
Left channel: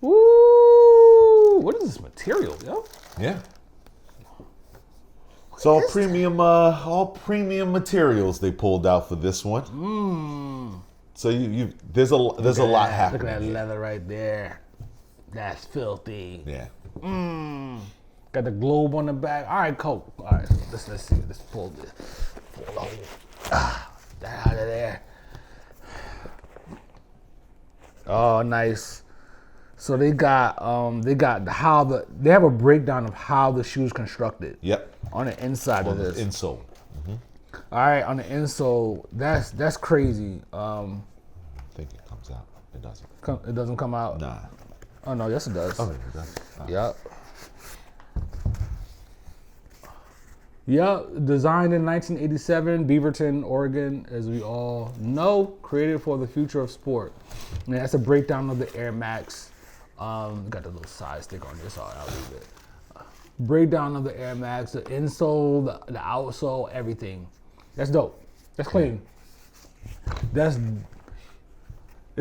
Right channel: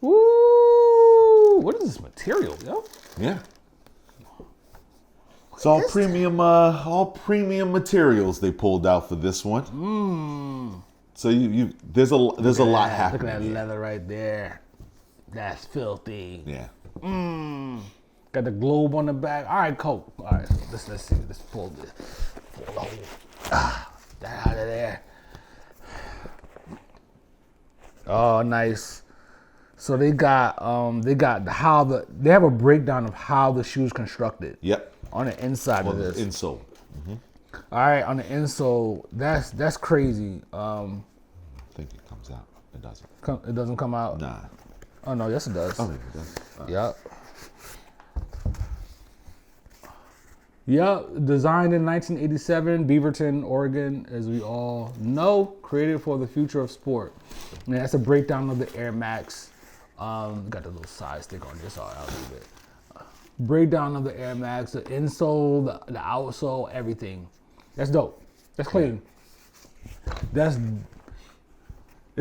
Woo! What is this material, yo? Yeah. So all premium materials they pulled out for this one. So there's a lot happening. Look at that leather right there. That's filthy. Yeah. Got the globe on the back. All right, cool. All right, let's see. Let's pull this. Pull that out of there. Oh, nice. So they got they have a breakdown of how the shoe's constructed. Yep. On the inside of this. Insole. All right, on the insole, that's crazy. It doesn't come out. Oh no, yes it does. Yep. Yep, designed in 1987, Beaverton, Oregon, as we all know, created for the future of sport. And that's a breakdown of the Air Max. Got the little side stick on this, so I'll leave it. Breakdown of the Air Max, the insole, the outsole, everything. That's dope. That's clean. There's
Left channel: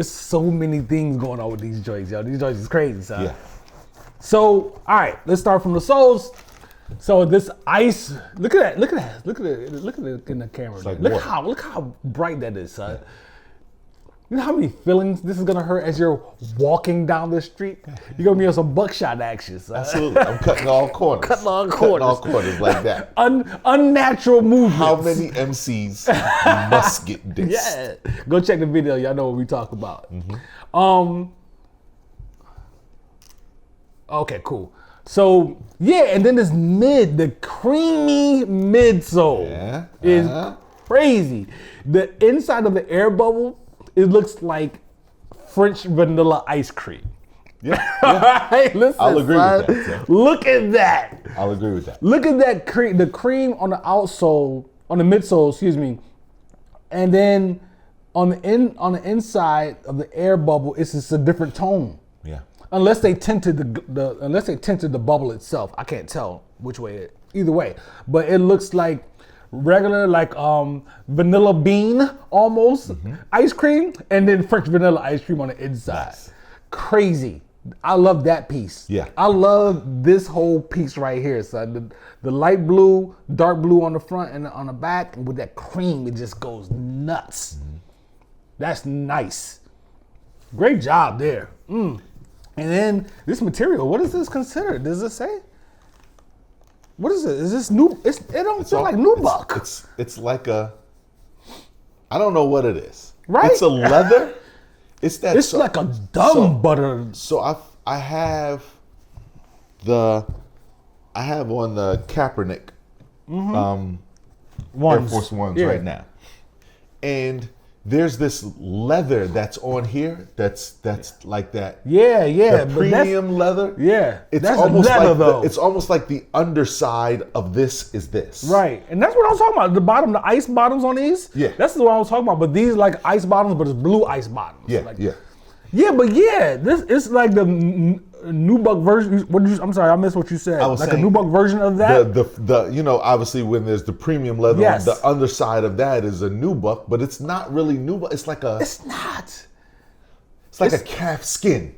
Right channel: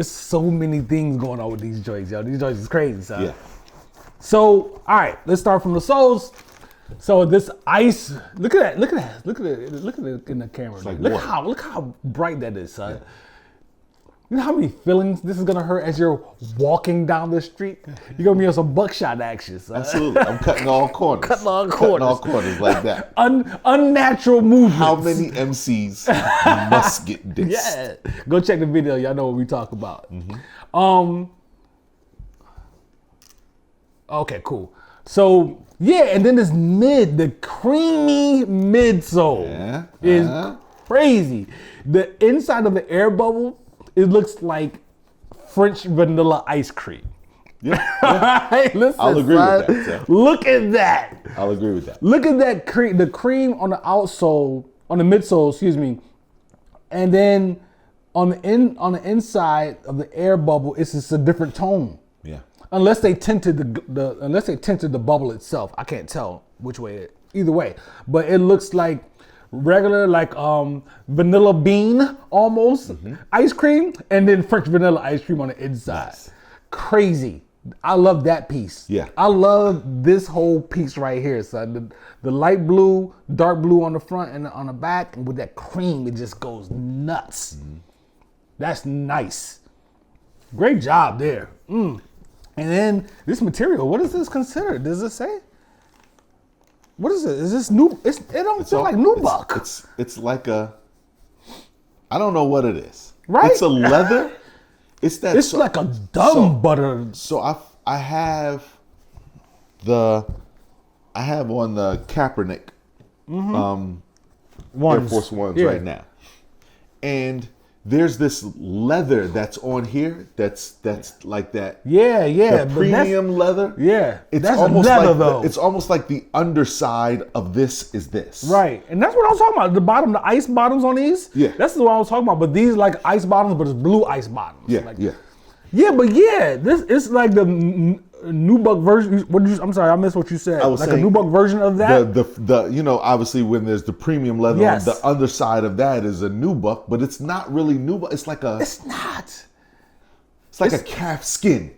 so many things going on with these joints, yo. These joints is crazy, son. Yeah. So, all right, let's start from the soles. So this ice, look at it in the camera there. Look how bright that is, son. You know how many feelings this is gonna hurt as you're walking down the street? You're gonna be on some buckshot action, son. Absolutely. I'm cutting all corners. Cutting all corners. Like that. Unnatural movements. How many MCs must get this? Yeah. Go check the video. Y'all know what we talk about. Okay, cool. So yeah, and then the creamy midsole is crazy. The inside of the air bubble, it looks like French vanilla ice cream. Yeah. Alright, listen, son. Look at that. I'll agree with that. Look at that cream. The cream on the outsole, on the midsole, excuse me, and then on the inside of the air bubble, it's just a different tone. Yeah. Unless they tinted the bubble itself, I can't tell which way. Either way, but it looks like regular, like vanilla bean almost ice cream, and then French vanilla ice cream on the inside. Crazy. I love that piece. Yeah. I love this whole piece right here, son. The light blue, dark blue on the front and on the back, and with that cream, it just goes nuts. That's nice. Great job there. And then this material, what is this considered? Does it say? What is it? Is this new? It don't feel like nubuck. It's like I don't know what it is. Right? It's a leather. It's like a dumb butter. So I have on the Kaepernick Ones. Air Force Ones right now, and there's this leather that's on here that's like that. Yeah, but premium leather. Yeah, that's leather like, though. It's almost like the underside of this is this. Right, and that's what I was talking about. The bottom, the ice bottoms on these. Yeah, that's what I was talking about. But these like ice bottoms, but it's blue ice bottoms. Yeah, like, yeah. This it's like the nubuck version. I'm sorry, I missed what you said. Like a nubuck version of that. The obviously when there's the premium leather, yes. The underside of that is a nubuck, but it's not really nubuck. It's like a. It's not. It's like a calf skin.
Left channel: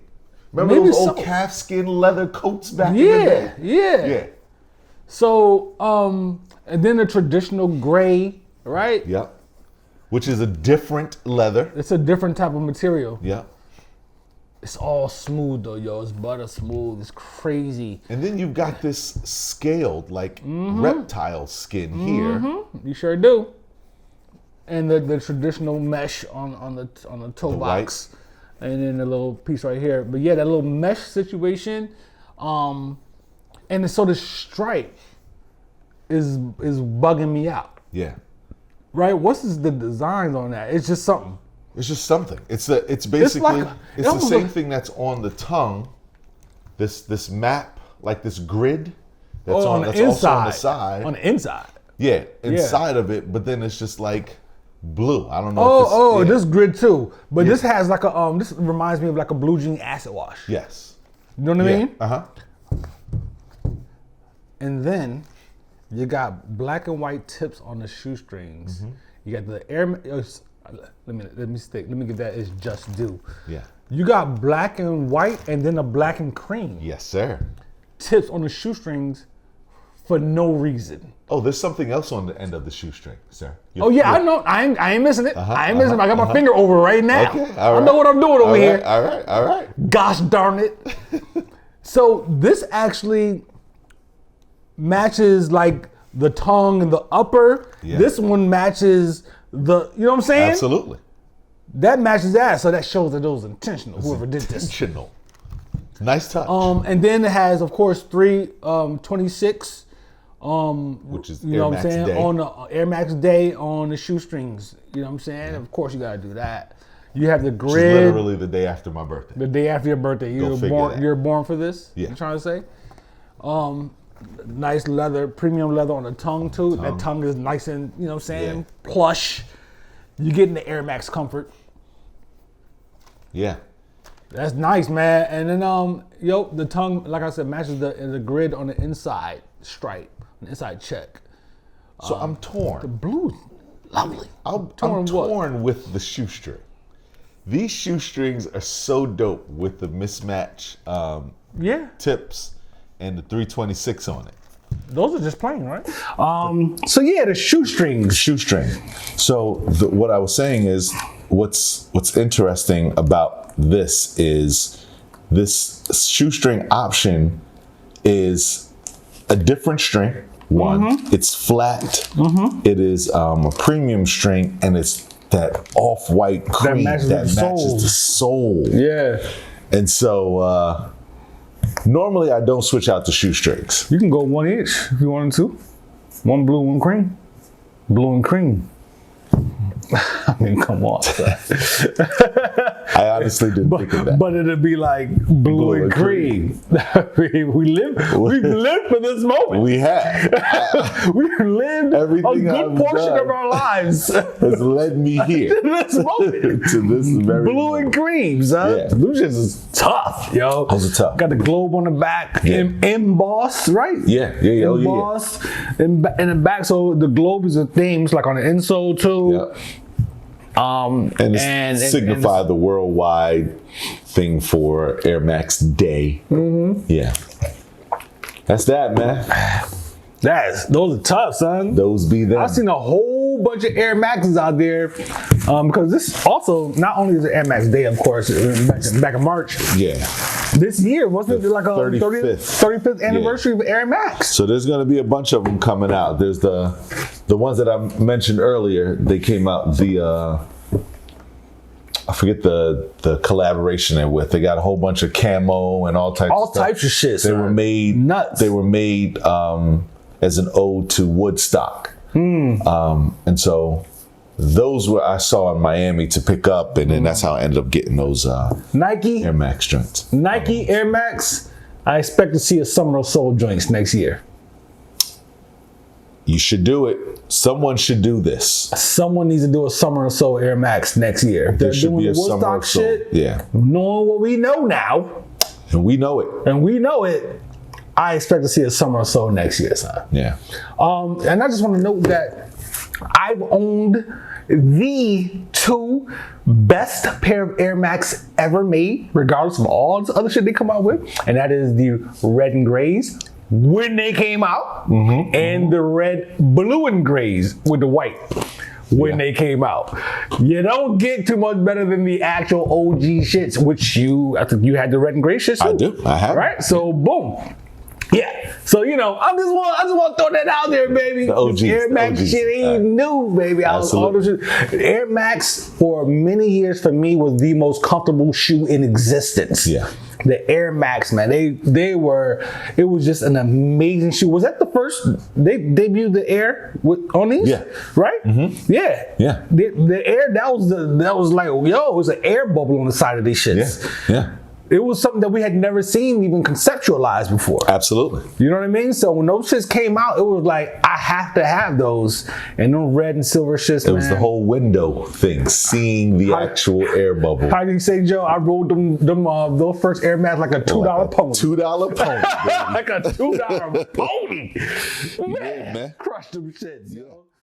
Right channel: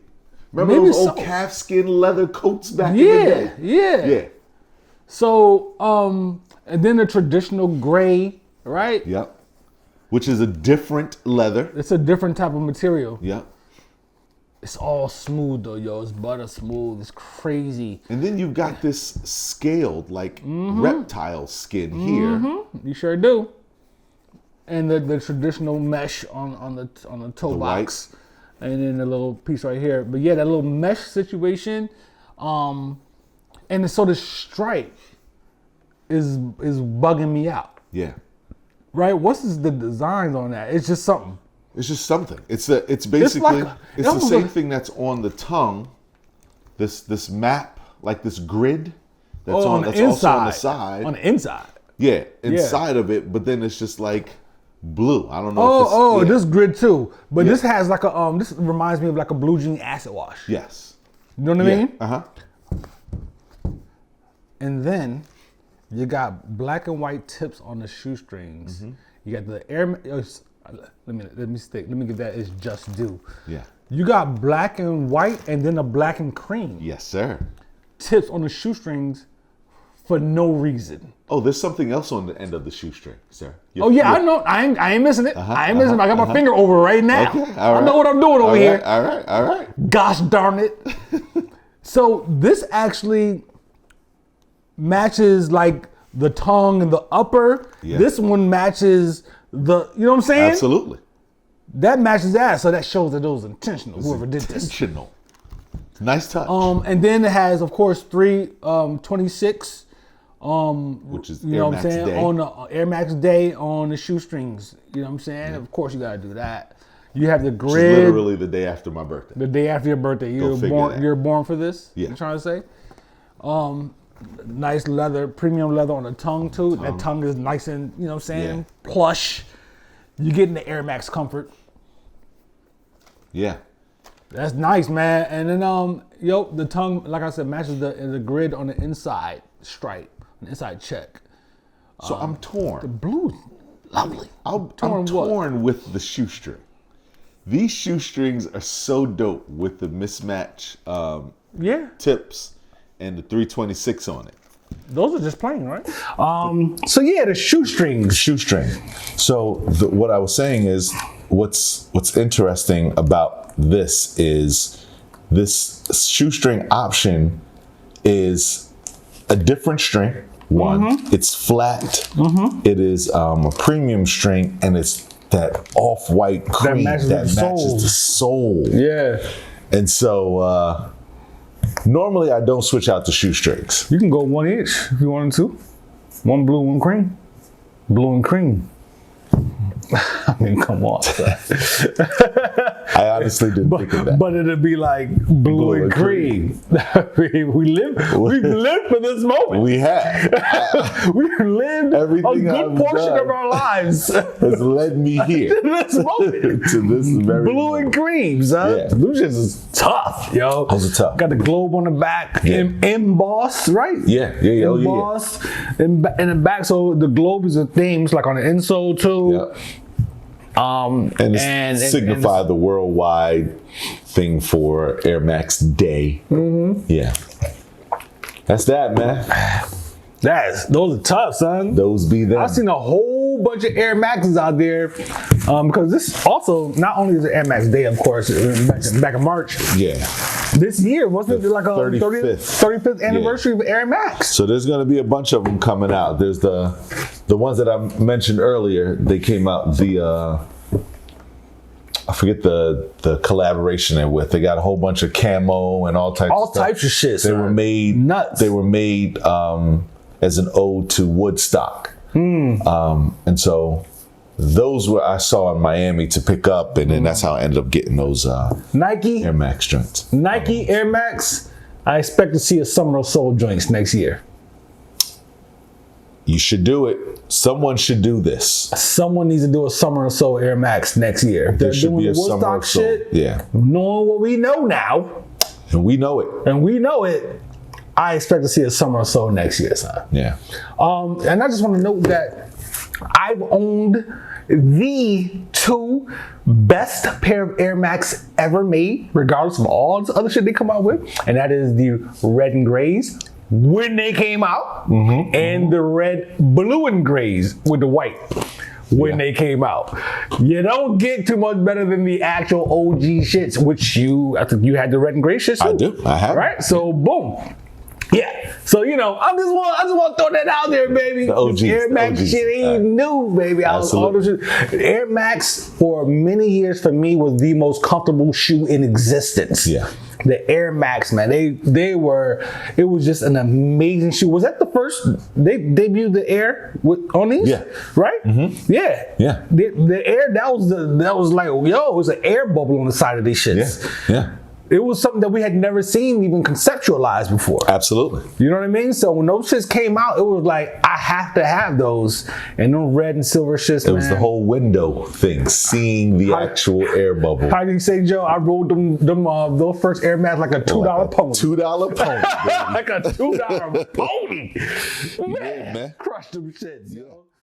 Remember Maybe those old calf skin leather coats back Yeah. So and then the traditional gray, right? Yeah. Which is a different leather. It's a different type of material. Yeah. It's all smooth though, yo. It's butter smooth. It's crazy. And then you got this scaled, like reptile skin here. You sure do. And the traditional mesh on the toe box, and then the little piece right here. But yeah, that little mesh situation, and so the stripe is bugging me out. Yeah. Right? What's the designs on that? It's just something. It's just something. It's basically like it's the same thing that's on the tongue. This map, like this grid. That's on the inside. On the inside. Yeah, inside of it. But then it's just like blue. I don't know. Oh, this grid too. But this has like a This reminds me of like a blue jean acid wash. Yes. You know what I mean? Uh-huh. And then you got black and white tips on the shoestrings. Mm-hmm. You got the Air. Let me give that its just due. Yeah. You got black and white, and then a black and cream. Yes, sir. Tips on the shoestrings for no reason. Oh, there's something else on the end of the shoestring, sir. I know. I ain't missing it. I ain't missing it. I got my finger over it right now. Okay, I know what I'm doing over here. All right. Gosh darn it. So this actually matches like the tongue and the upper. Yeah. This one matches the, you know what I'm saying? Absolutely. That matches that, so that shows that it was intentional, whoever did this. Intentional. Nice touch. And then it has, of course, 326, you know what I'm saying, Day. On the Air Max Day on the shoestrings. You know what I'm saying? Of course you gotta do that. You have the grid. Literally the day after my birthday. The day after your birthday. You're born for this? Yeah. You trying to say? Nice leather, premium leather on the tongue too. That tongue is nice and, you know what I'm saying, plush. You getting the Air Max comfort. Yeah. That's nice, man. And then the tongue, like I said, matches the grid on the inside stripe, on the inside check. So I'm torn. The blue, lovely. I'm torn with the shoestring. These shoestrings are so dope with the mismatch tips and the 326 on it. Those are just plain, right? So yeah, the shoestrings. Shoestring. So what I was saying is, what's interesting about this is this shoestring option is a different string. One, it's flat. It is a premium string, and it's that off-white cream that matches the sole. Yeah. And so normally I don't switch out the shoestrings. You can go one each if you wanted to. One blue, one cream. Blue and cream. I mean, come on. I honestly didn't think of that. But it'd be like blue and cream. We've lived for this moment. We have. We've lived everything a good portion of our lives has led me here to this moment. to this very blue moment. And cream, son. Yeah. Blue shit is tough, yo. Those are tough. Got the globe on the back, embossed, right? Yeah. Embossed in the back, so the globe is a theme. It's like on the insole too. Yeah. And signify the worldwide thing for Air Max Day. Yeah. That's that, man. Those are tough, son. Those be them. I've seen a whole bunch of Air Maxes out there. Because this also, not only is it Air Max Day, of course, back in March. Yeah. This year, wasn't it like a 35th anniversary of Air Max? So there's going to be a bunch of them coming out. There's the ones that I mentioned earlier. They came out I forget the collaboration they're with. They got a whole bunch of camo and all types of shit. They were made nuts. They were made as an ode to Woodstock. And so those were I saw in Miami to pick up, and then that's how I ended up getting those Nike Air Max joints. Nike Air Max. I expect to see a Summer of Soul joints next year. You should do it. Someone should do this. Someone needs to do a Summer of Soul Air Max next year. If there should be a Summer of Soul. Shit, yeah. Knowing what we know now. And we know it. I expect to see a Summer of Soul next year, son. Yeah. And I just want to note that I've owned the 2 best pair of Air Max ever made, regardless of all the other shit they come out with. And that is the red and grays when they came out, and the red, blue, and grays with the white when they came out. You don't get too much better than the actual OG shits, which I think you had the red and gray shits too. I do. I have. Right? So boom. Yeah. So, you know, I just want to throw that out there, baby. The OGs, Air Max OGs. shit ain't new, baby. Air Max for many years for me was the most comfortable shoe in existence. Yeah. The Air Max, man, it was just an amazing shoe. Was that the first they debuted the Air on these? Yeah. Right? Mm-hmm. Yeah. Yeah. The Air, that was like, yo, it was an air bubble on the side of these shits. Yeah. It was something that we had never seen even conceptualized before. Absolutely. You know what I mean? So when those shits came out, it was like, I have to have those. And them red and silver shits, It was the whole window thing, seeing the actual air bubble. How do you say, Joe? I rolled those first Air Max like a $2 pony. $2 pony. Like a $2 pony. Man, man. crushed them shits, yo.